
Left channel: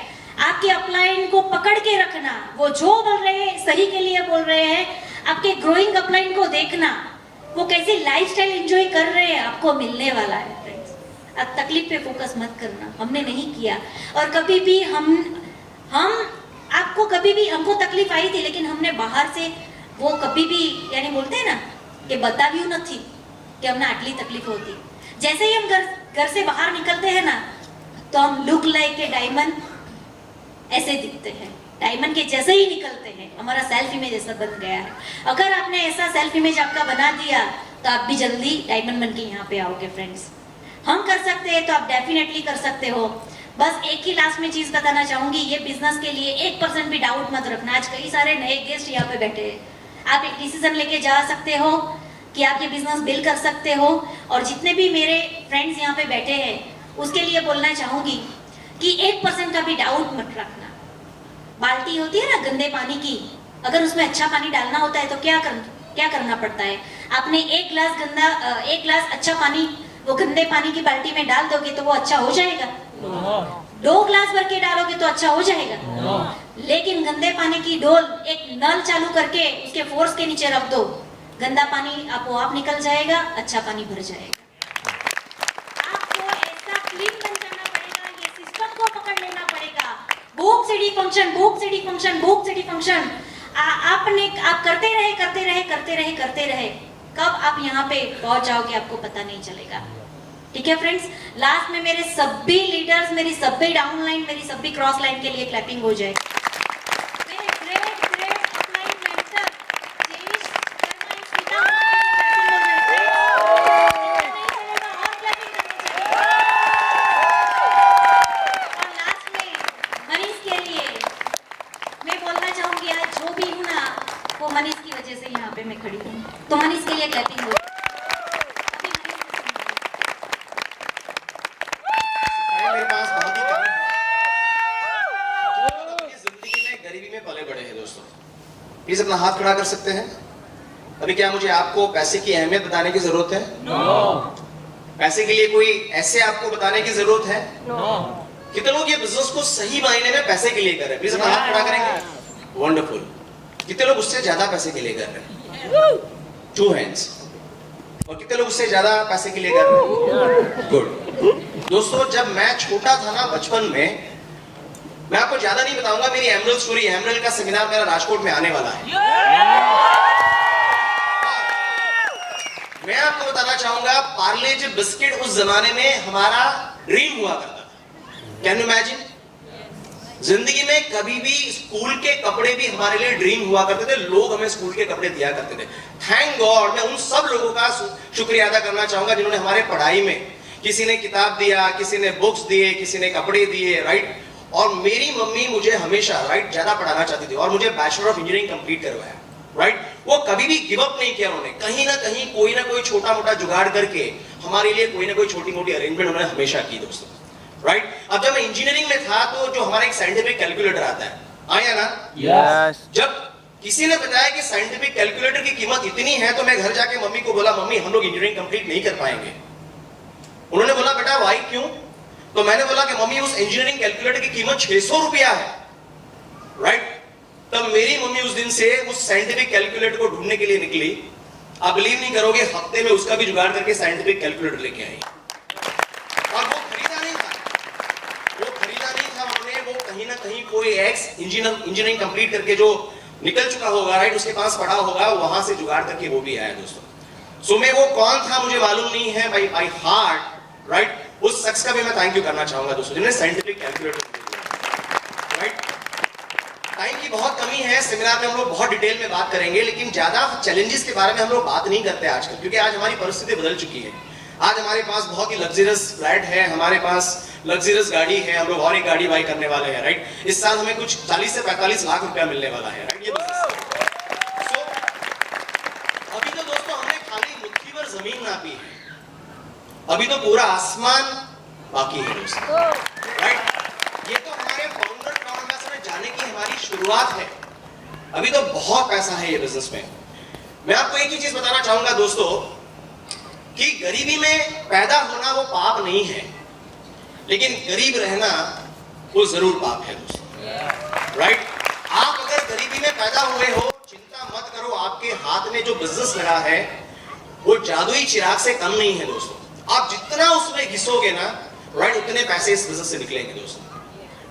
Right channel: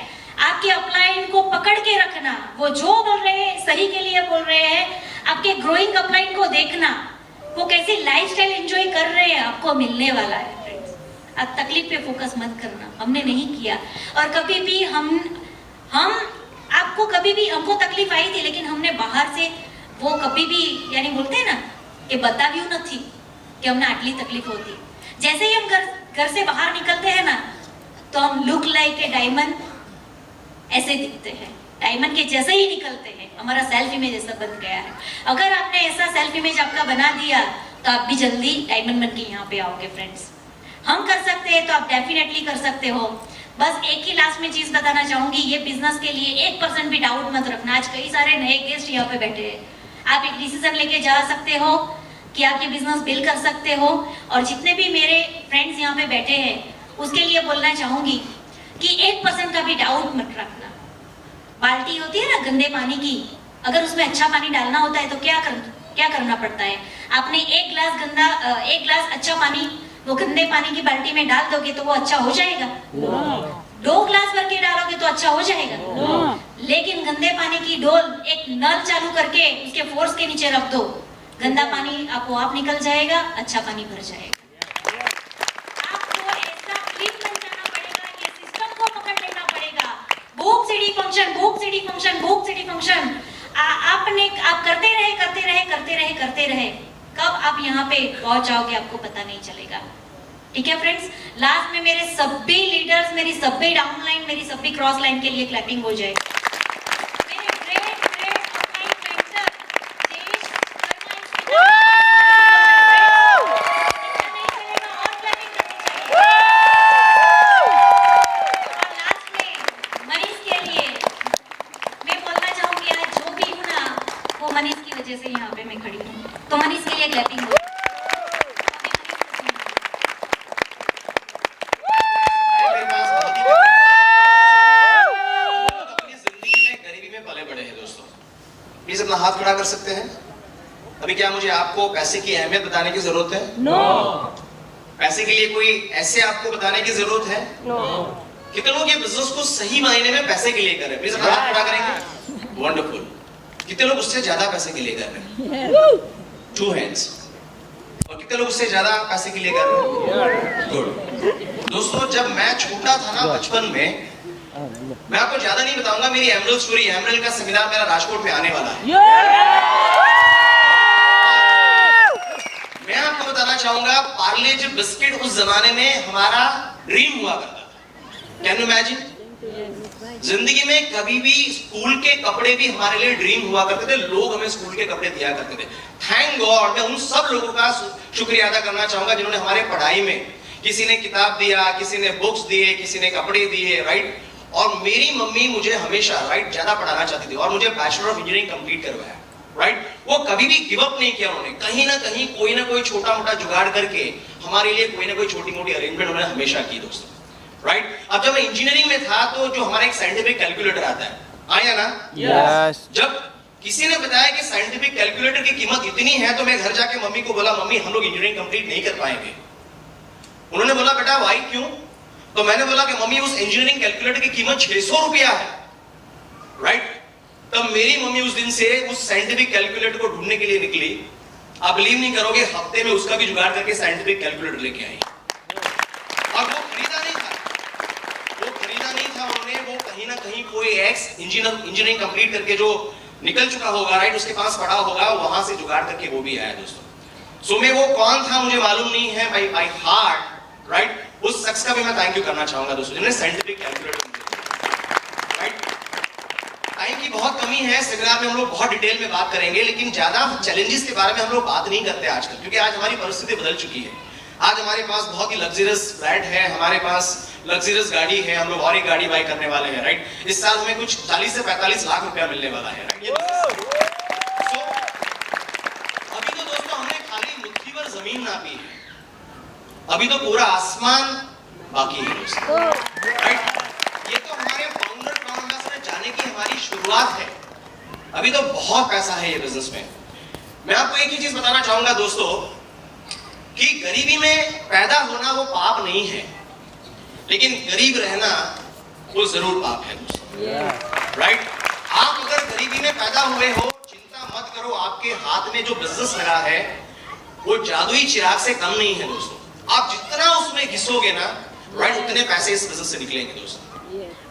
आपके अपलाइन को पकड़ के रखना, वो जो बोल रहे हैं सही के लिए बोल रहे हैं। आपके ग्रोइंग अपलाइन को देखना, वो कैसी लाइफस्टाइल एंजॉय कर रहे हैं, आपको मिलने वाला है। आप तकलीफ पे फोकस मत करना, हमने नहीं किया। और कभी भी हमको तकलीफ आई थी, लेकिन हमने बाहर से वो कभी भी, यानी बोलते हैं ना कि बताव्યું નથી कि हमने आटली तकलीफ होती। जैसे ही हम घर से बाहर निकलते हैं ना, तो हम लुक लाइक ए डायमंड ऐसे दिखते हैं, डायमंड के जैसे ही निकलते हैं, हमारा सेल्फ इमेज ऐसा बन गया है। अगर आपने ऐसा सेल्फ इमेज आपका बना दिया, तो आप भी जल्दी डायमंड बन के यहाँ पे आओगे। फ्रेंड्स, हम कर सकते हैं तो आप डेफिनेटली कर सकते हो। बस एक ही लास्ट में चीज बताना चाहूंगी, ये बिजनेस के लिए 1% भी डाउट मत रखना। आज कई सारे नए गेस्ट यहाँ पे बैठे हैं, आप एक डिसीजन लेके जा सकते हो, कि आप ये बिजनेस बिल्ड कर सकते हो। और जितने भी मेरे फ्रेंड्स यहाँ पे बैठे हैं उसके लिए बोलना चाहूंगी कि 1% का भी डाउट मत रखना। बाल्टी होती है ना गंदे पानी की, अगर उसमें अच्छा पानी डालना होता है तो क्या करना पड़ता है? आपने एक गिलास अच्छा पानी वो गंदे पानी की बाल्टी में डाल दोगे तो वो अच्छा हो जाएगा? 2 गिलास भर के डालोगे तो अच्छा हो जाएगा? लेकिन गंदे पानी की डोल एक नल चालू करके उसके फोर्स के नीचे रख दो, गंदा पानी आप निकल जाएगा, अच्छा पानी भर जाएगा। आपको ऐसा क्लीन कर देना पड़ेगा, ये सिस्टम को पकड़ लेना पड़ेगा। बुक सिटी फंक्शन आप करते रहे, कब आप यहाँ पे पहुंच जाओगे आपको पता नहीं चलेगा। ठीक है फ्रेंड्स, लास्ट में मेरे सभी लीडर्स, मेरी सभी डाउनलाइन, मेरी सभी क्रॉस लाइन के लिए क्लैपिंग हो जाए। मेरे ग्रेट अपलाइन मेंटर देश और लास्ट में मनीष के लिए मैं बोलना चाहूंगी, आज जो भी हूँ ना वो मनीष की वजह से यहाँ पे मैं खड़ी हूँ, तो मनीष के लिए क्लैपिंग हो। मेरे पास बहुत ही अपनी जिंदगी में गरीबी में पले बड़े हैं दोस्तों। प्लीज अपना हाथ खड़ा कर सकते हैं। अभी क्या मुझे आपको पैसे की अहमियत बताने की जरूरत है? नो। पैसे के लिए कोई ऐसे आपको बताने की जरूरत है? नो। कितने लोग ये बिजनेस को सही मायने में पैसे के लिए कर रहे हैं? प्लीज अपना हाथ खड़ा करेंगे। वंडरफुल। कितने लोग उससे ज्यादा पैसे के लिए कर रहे हैं? 2 hands। और कितने लोग उससे ज्यादा पैसे के लिए कर रहे हैं? गुड। दोस्तों, जब मैं छोटा था ना बचपन में, मैं आपको ज्यादा नहीं बताऊंगा, मेरी एमरल स्टोरी, एमरल का सेमिनार मेरा राजकोट में आने वाला है। मैं आपको बताना चाहूंगा, पार्ले जी बिस्किट उस जमाने में हमारा ड्रीम हुआ करता था। Can you imagine? जिंदगी में कभी भी स्कूल के कपड़े भी हमारे लिए ड्रीम हुआ करते थे, लोग हमें स्कूल के कपड़े दिया करते थे। थैंक गॉड, मैं उन सब लोगों का शुक्रिया अदा करना चाहूंगा जिन्होंने हमारे पढ़ाई में, किसी ने किताब दिया, किसी ने बुक्स दिए, किसी ने कपड़े दिए, राइट। और मेरी मम्मी मुझे हमेशा राइट ज्यादा पढ़ाना चाहती थी और मुझे बैचलर ऑफ इंजीनियरिंग कंप्लीट करवाया, राइट। वो कभी भी गिव अप नहीं किया उन्होंने, कहीं ना कहीं कोई ना कोई छोटा मोटा जुगाड़ करके हमारे लिए कोई ना कोई छोटी मोटी अरेंजमेंट उन्होंने हमेशा की दोस्तों, राइट। अब जब मैं इंजीनियरिंग में था तो जो हमारा एक साइंटिफिक कैलकुलेटर आता है, आया ना? यस। जब किसी ने बताया कि साइंटिफिक कैलकुलेटर की कीमत इतनी है तो मैं घर जाके मम्मी को बोला, मम्मी हम लोग इंजीनियरिंग कंप्लीट नहीं कर पाएंगे। उन्होंने बोला, बेटा वाई, क्यों? तो मैंने बोला कि मम्मी उस इंजीनियरिंग कैलकुलेटर की कीमत 600 रुपया है, राइट। तब मेरी मम्मी उस दिन से उस साइंटिफिक कैलकुलेटर को ढूंढने के लिए निकली। आप बिलीव नहीं करोगे, हफ्ते में उसका भी जुगाड़ करके साइंटिफिक कैलकुलेटर लेके आई। और वो खरीदा नहीं था उन्होंने, वो कहीं ना कहीं कोई एक्स इंजीनियरिंग कंप्लीट करके जो निकल चुका होगा, राइट, उसके पास पड़ा होगा, वहां से जुगाड़ करके वो भी आया दोस्तों। सो मैं वो कौन था मुझे मालूम नहीं है, बाय हार्ट, राइट। उस शख्स का भी मैं थैंक यू करना चाहूंगा दोस्तों जिन्होंने साइंटिफिक कैलकुलेटर, राइट। टाइम की बहुत कमी है, सेमिनार में हम लोग बहुत डिटेल में बात करेंगे, लेकिन ज्यादा चैलेंजेस के बारे में हम लोग बात नहीं करते आजकल, क्योंकि आज हमारी परिस्थिति बदल चुकी है। आज हमारे पास बहुत ही लग्जरियस फ्लैट है, हमारे पास लग्जरियस गाड़ी है, हम लोग और एक गाड़ी बाय करने वाले हैं, राइट। इस साल हमें कुछ 40 से 45 लाख रुपया मिलने वाला है। So, अभी तो दोस्तों हमने खाली मुट्ठी भर जमीन नापी है, अभी तो पूरा आसमान बाकी है दोस्तों, राइट। ये तो हमारे फाउंडर में जाने की हमारी शुरुआत है, अभी तो बहुत पैसा है ये बिजनेस में। मैं आपको एक ही चीज बताना चाहूंगा दोस्तों कि गरीबी में पैदा होना वो पाप नहीं है, लेकिन गरीब रहना वो जरूर पाप है दोस्तों, राइट। आप अगर गरीबी में पैदा हुए हो, चिंता मत करो, आपके हाथ में जो बिजनेस लगा है वो जादुई चिराग से कम नहीं है दोस्तों। आप जितना उसमें घिसोगे ना, राइट, उतने पैसे इस बिजनेस से निकलेंगे दोस्तों।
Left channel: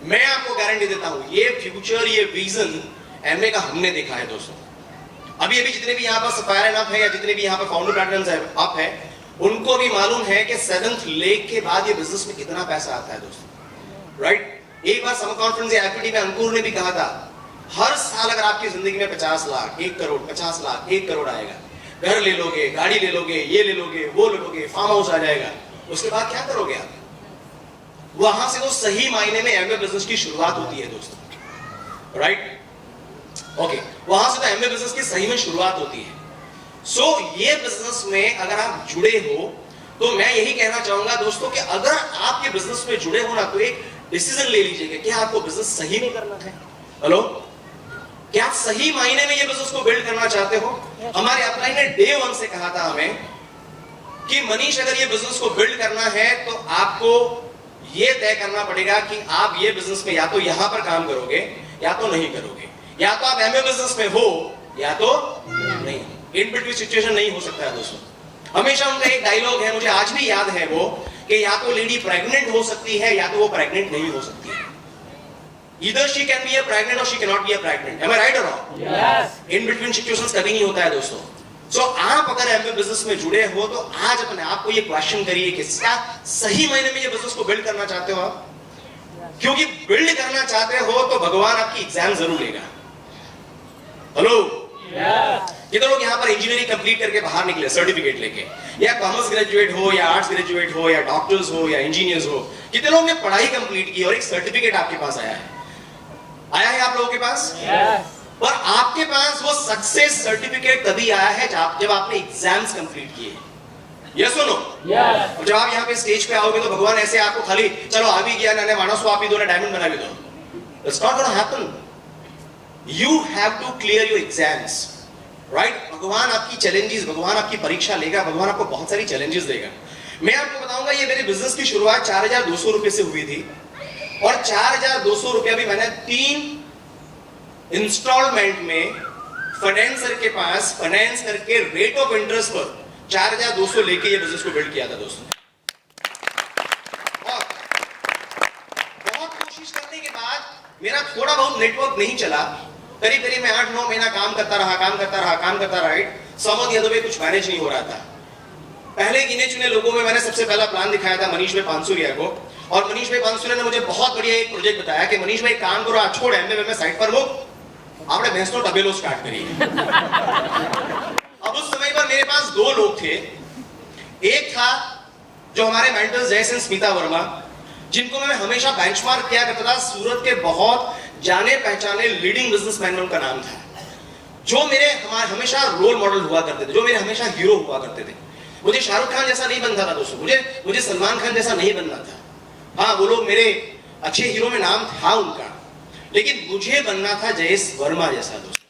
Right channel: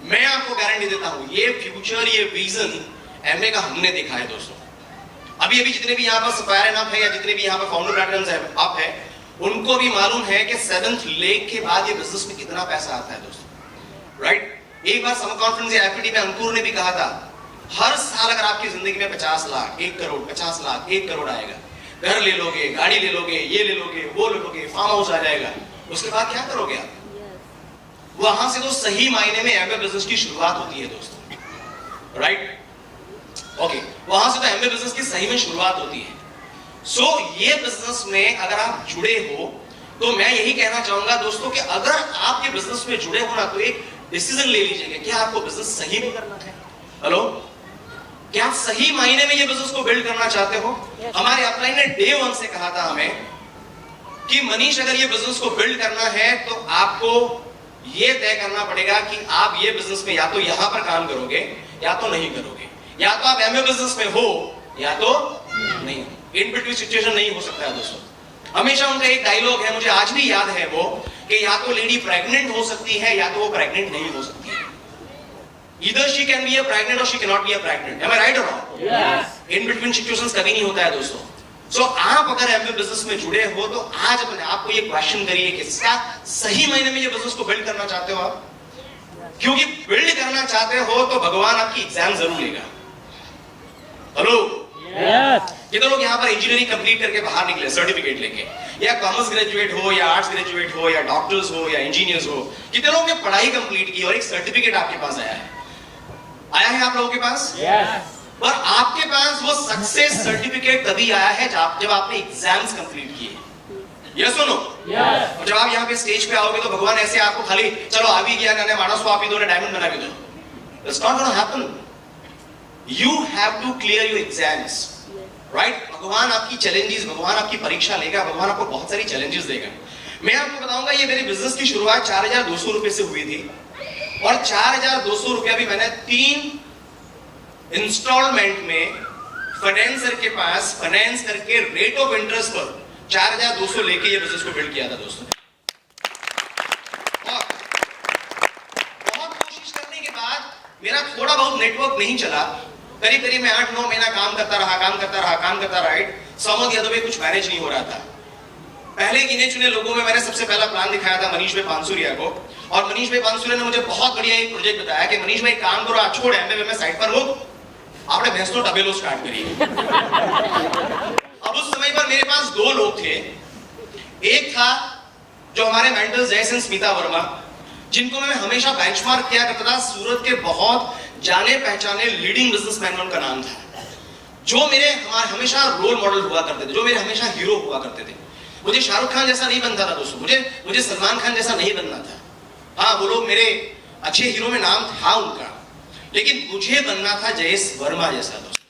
मैं आपको गारंटी देता हूं, ये फ्यूचर, ये विजन एमए का हमने देखा है दोस्तों। अभी जितने भी यहाँ पर सपायर अप है या जितने भी यहाँ पर फाउंडर पैटर्न अप है, उनको भी मालूम है कि 7th लेग के बाद ये बिजनेस में कितना पैसा आता है दोस्तों, राइट। एक बार समर कॉन्फ्रेंस या एफपीडी में अंकुर ने भी कहा था, हर साल अगर आपकी जिंदगी में 50 लाख, 1 करोड़, 50 लाख, 1 करोड़ आएगा, घर ले लोगे, गाड़ी ले लोगे, ये ले लोगे, वो ले लोगे, फार्म हाउस आ जाएगा, उसके बाद क्या करोगे आप? वहां से तो सही मायने में एमए बिजनेस की शुरुआत होती है दोस्तों, राइट। ओके, वहां से तो एमए बिजनेस की सही में शुरुआत होती है। सो ये बिजनेस में अगर आप जुड़े हो तो मैं यही कहना चाहूंगा दोस्तों कि अगर आप ये बिजनेस में जुड़े हो ना तो एक डिसीजन ले लीजिएगा कि आपको बिजनेस सही में करना है। हेलो, क्या आप सही मायने में ये बिजनेस को बिल्ड करना चाहते हो? हमारे अपलाइन ने डे 1 से कहा था हमें कि मनीष अगर ये बिजनेस को बिल्ड करना है तो आपको ये तय करना पड़ेगा कि आप ये बिजनेस में या तो यहां पर काम करोगे या तो नहीं करोगे, या तो आप एमए बिजनेस में हो या तो नहीं। इन बिटवीन सिचुएशन नहीं हो सकता है दोस्तों। हमेशा उनका एक डायलॉग है, मुझे आज भी याद है वो, कि या तो लेडी प्रेग्नेंट हो सकती है या तो वो प्रेग्नेंट नहीं हो सकती है। Either she can be a pregnant or she cannot be a pregnant. Am I right or wrong? Yes. In between situations कभी नहीं होता है दोस्तों। So आप अगर एमए बिजनेस में जुड़े हो तो आज अपने आप को ये क्वेश्चन करिए कि इसका सही मायने में ये बिजनेस को बिल्ड करना चाहते हो आप? क्योंकि बिल्ड करना चाहते हो तो भगवान आपकी एग्जाम जरूर लेगा। Hello, Yes. कितने लोग यहाँ पर इंजीनियरिंग कंप्लीट करके बाहर निकले सर्टिफिकेट लेके, या कॉमर्स ग्रेजुएट हो या आर्ट्स ग्रेजुएट हो या डॉक्टर्स हो या इंजीनियर्स हो, कितने लोगों ने पढ़ाई कंप्लीट की और एक सर्टिफिकेट आपके पास आया है आप लोगों के पास? Yes. पर आपके पास वो सक्सेस सर्टिफिकेट तभी आया है जब आपने एग्जाम्स कंप्लीट किए। यस सुनो, Yes. जब आप यहाँ पे स्टेज पे आओगे तो भगवान ऐसे आपको खाली चलो आ भी गया ना मानस आप ही दो डायमंड बना भी दो। It's not gonna happen. You have to clear your exams, right? भगवान आपकी चैलेंजेस, भगवान आपकी परीक्षा लेगा, भगवान आपको बहुत सारी चैलेंजेस देगा। मैं आपको बताऊंगा ये मेरे बिजनेस की शुरुआत 4,200 रुपए से हुई थी और 4,200 रुपया भी मैंने 3 इंस्टॉलमेंट में फाइनेंसर के पास फाइनेंस करके रेट ऑफ इंटरेस्ट पर 4,200 लेके ये बिजनेस को बिल्ड किया था दोस्तों। और बहुत कोशिश करने के बाद मेरा थोड़ा बहुत नेटवर्क नहीं चला, करीब मैं 8-9 महीना काम करता रहा, right? Some of the other way कुछ मैनेज नहीं हो रहा था। पहले गिने चुने लोगों में मैंने सबसे पहला प्लान दिखाया था मनीष भाई पांसुरिया को, और मनीष भाई पांसुरिया ने मुझे बहुत बढ़िया एक प्रोजेक्ट बताया कि मनीष भाई काम करो, आज छोड़ एमए में साइड पर हो, आपने भैंस तो डबेलो स्टार्ट करिए। अब उस समय पर मेरे पास 2 लोग थे। एक था जो हमारे मेंटर्स जैसे स्मिता वर्मा, जिनको मैं हमेशा बेंचमार्क किया करता था, सूरत के बहुत जाने पहचाने लीडिंग बिजनेसमैन, उनका नाम था, जो मेरे हमेशा रोल मॉडल हुआ करते थे, जो मेरे हमेशा हीरो हुआ करते थे। मुझे शाहरुख खान जैसा नहीं बनता था दोस्तों, मुझे सलमान खान जैसा नहीं बनना था। हाँ, वो लोग मेरे अच्छे हीरो में नाम था उनका, लेकिन मुझे बनना था जयेश वर्मा जैसा दोस्तों।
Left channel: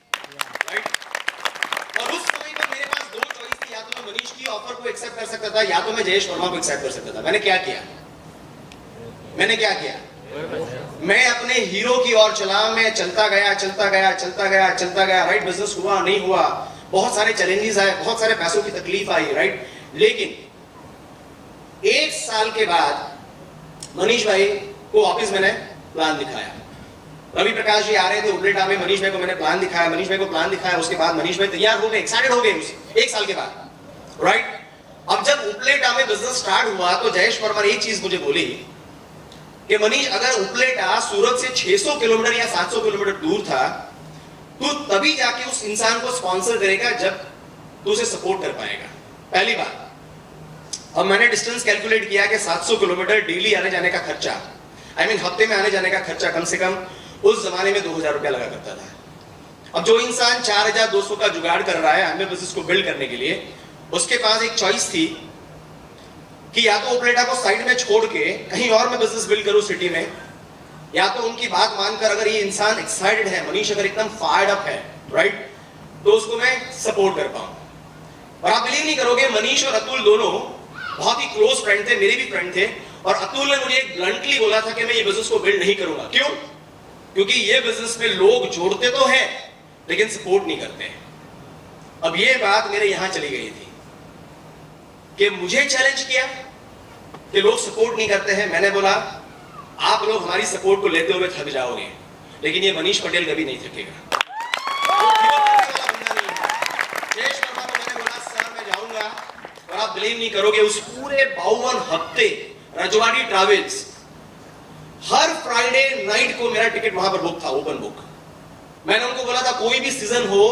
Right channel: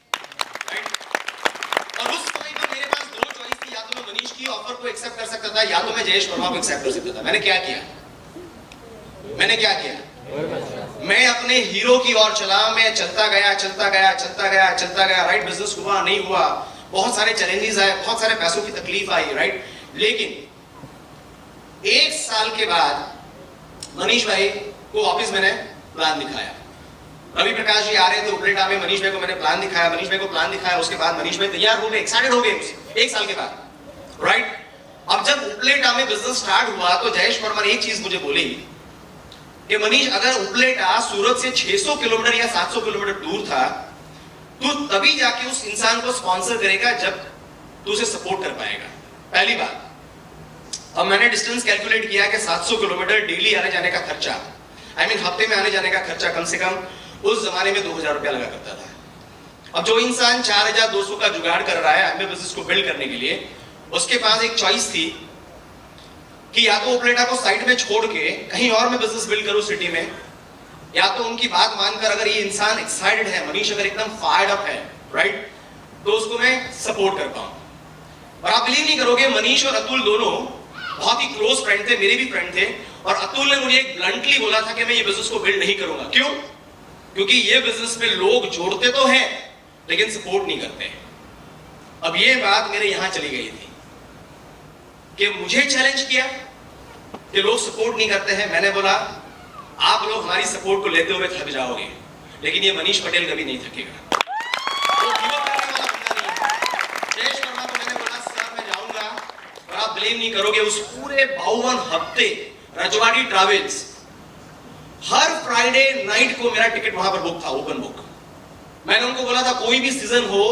और उस समय पर मेरे पास 2 चॉइस थी, या तो मैं मनीष की ऑफर को एक्सेप्ट कर सकता था या तो मैं जयेश वर्मा को एक्सेप्ट कर सकता था। मैंने क्या किया? मैं अपने हीरो की ओर चला, मैं चलता गया, राइट? बिजनेस हुआ नहीं हुआ, बहुत सारे चैलेंजेस आए, बहुत सारे पैसों की तकलीफ आई, राइट? लेकिन 1 साल के बाद मनीष भाई को वापस मैंने प्लान दिखाया। रवि प्रकाश जी आ रहे थे उपलेटा में, मनीष भाई को मैंने प्लान दिखाया, उसके बाद मनीष भाई तैयार हो गए, एक्साइटेड हो गए 1 साल के बाद, राइट? अब जब उपलेटा में बिजनेस स्टार्ट हुआ तो जयेश वर्मा ने एक चीज मुझे बोली कि मनीष, अगर उपलेटा सूरत से 600 किलोमीटर या 700 किलोमीटर दूर था, तू तभी जाके उस इंसान को स्पॉन्सर करेगा जब तू उसे सपोर्ट कर पाएगा। पहली बात। अब मैंने डिस्टेंस कैलकुलेट किया कि 700 किलोमीटर डेली आने जाने का खर्चा, हफ्ते में आने जाने का खर्चा कम से कम उस जमाने में 2,000 रुपया लगा करता था। अब जो इंसान 4,200 का जुगाड़ कर रहा है एमए बिजनेस को बिल्ड करने के लिए, उसके पास एक चॉइस थी कि या तो उपलेटा को साइड में छोड़ के कहीं और मैं बिजनेस बिल्ड करूं सिटी में, या तो उनकी बात मानकर अगर ये इंसान एक्साइटेड है, मनीष अगर एकदम फायर्ड अप है, राइट, तो उसको मैं सपोर्ट कर पाऊं। और आप बिलीव नहीं करोगे, मनीष और अतुल दोनों बहुत ही क्लोज फ्रेंड थे, मेरे भी फ्रेंड थे, और अतुल ने मुझे ब्लंटली बोला था कि मैं ये बिजनेस को बिल्ड नहीं करूंगा। क्यों? क्योंकि ये बिजनेस में लोग जोड़ते तो हैं लेकिन सपोर्ट नहीं करते। अब ये बात मेरे यहां चली गई थी कि मुझे चैलेंज किया कि लोग सपोर्ट नहीं करते हैं। मैंने बोला आप लोग हमारी सपोर्ट को लेते हुए थक जाओगे, लेकिन ये मनीष पटेल कभी नहीं थकेगा। जयेश वर्मा को मैंने बोला सर मैं जाऊंगा, और आप बिलीव नहीं करोगे, उस पूरे 52 हफ्ते रजवाड़ी ट्रैवल्स हर फ्राइडे नाइट को मेरा टिकट वहां पर बुक था, ओपन बुक। मैंने उनको बोला था कोई भी सीजन हो,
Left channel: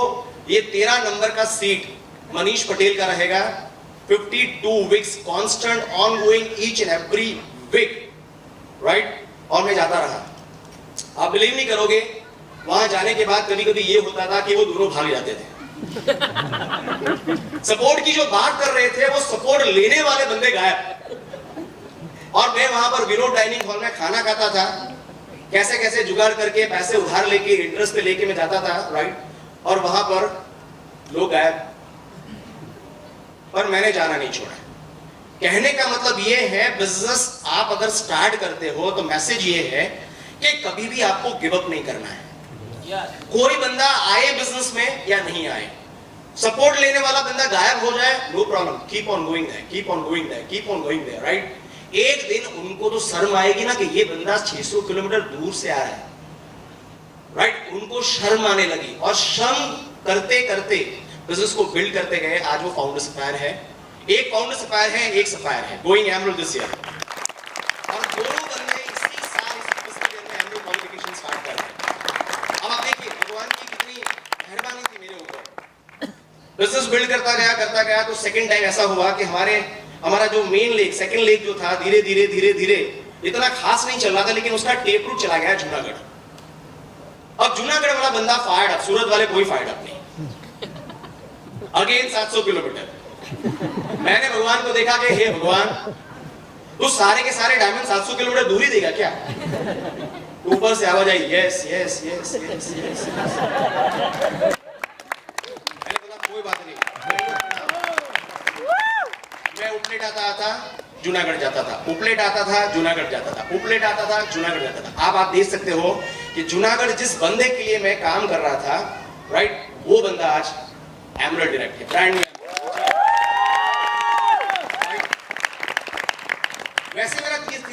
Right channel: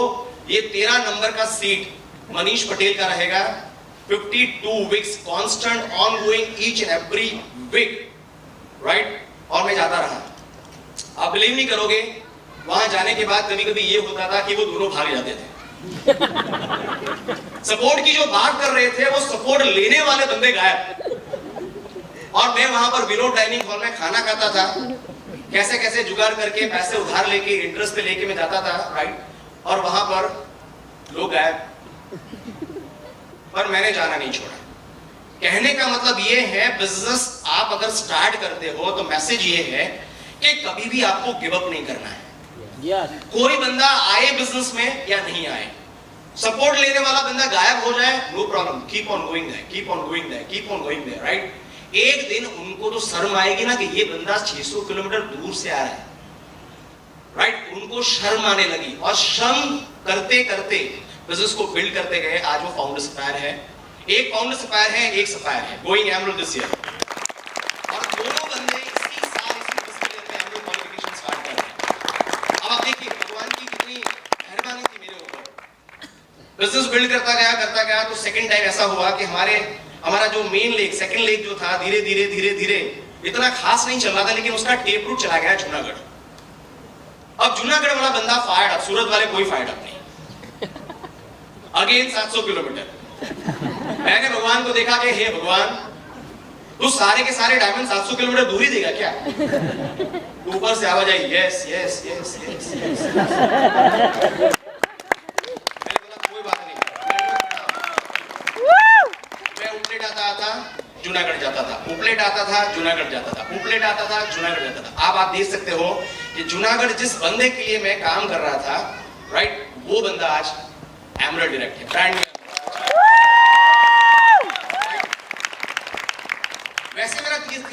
ये 13 नंबर का सीट मनीष पटेल का रहेगा। 52 weeks constant ongoing each and every week, right? और मैं जाता रहा। आप बिलीव नहीं करोगे, वहां जाने के बाद कभी कभी ये होता था कि वो दोनों भाग जाते थे। सपोर्ट की जो बात कर रहे थे वो सपोर्ट लेने वाले बंदे गायब। और मैं वहां पर विरोध डाइनिंग हॉल में खाना खाता था, कैसे कैसे जुगाड़ करके पैसे उधार लेके इंटरेस्ट पे लेके मैं जाता था, राइट, और वहां पर लोग गायब। पर मैंने जाना नहीं छोड़ा। कहने का मतलब ये है, बिजनेस आप अगर स्टार्ट करते हो तो मैसेज ये है कि कभी भी आपको गिव अप नहीं करना है। कोई बंदा आए बिजनेस में या नहीं आए, सपोर्ट लेने वाला बंदा गायब हो जाए, no problem, keep on going there, keep on going there, keep on going there, right. एक दिन उनको तो शर्म आएगी ना कि ये बंदा 600 किलोमीटर दूर से आया है, राइट। उनको शर्म आने लगी और शर्म करते करते बिजनेस को बिल्ड करते गए। आज वो फाउंडर सप्लायर है, एक फाउंडर सप्लायर है, एक सप्लायर है, गोइंग एमरल्ड दिस ईयर। और दोनों बंदे इसी साल उसी फिस्कल ईयर में एमरल्ड क्वालिफिकेशन स्टार्ट कर रहे हैं। अब आप देखिए भगवान की कितनी मेहरबानी थी मेरे ऊपर। बिजनेस बिल्ड करता गया तो सेकंड टाइम ऐसा हुआ कि हमारा जो मेन लेग, सेकंड लेग जो था, धीरे धीरे इतना खास नहीं चल रहा था, लेकिन उसका टेप रूट चला गया जूनागढ़। अब जूनागढ़ वाला बंदा फायर्ड अप, सूरत वाले कोई फायर्ड अप नहीं। Again 700 kilometre. मैंने भगवान को देखा कि हे भगवान, तू सारे के सारे डायमंड 700 किलोमीटर दूर ही देगा क्या? ऊपर से आवाज आई, yes yes yes yes yes. मैंने बोला कोई बात नहीं। मैं उपलेट आता था, जूनागढ़ जाता था, उपलेट आता था, जूनागढ़ जाता था, उपलेट आता था, जूनागढ़ जाता था। अब आप देख सकते हो कि जूनागढ़ जिस बंदे के लिए मैं काम कर रहा था, राइट, वो बंदा आज एमरल्ड डायरेक्टर, ब्रांड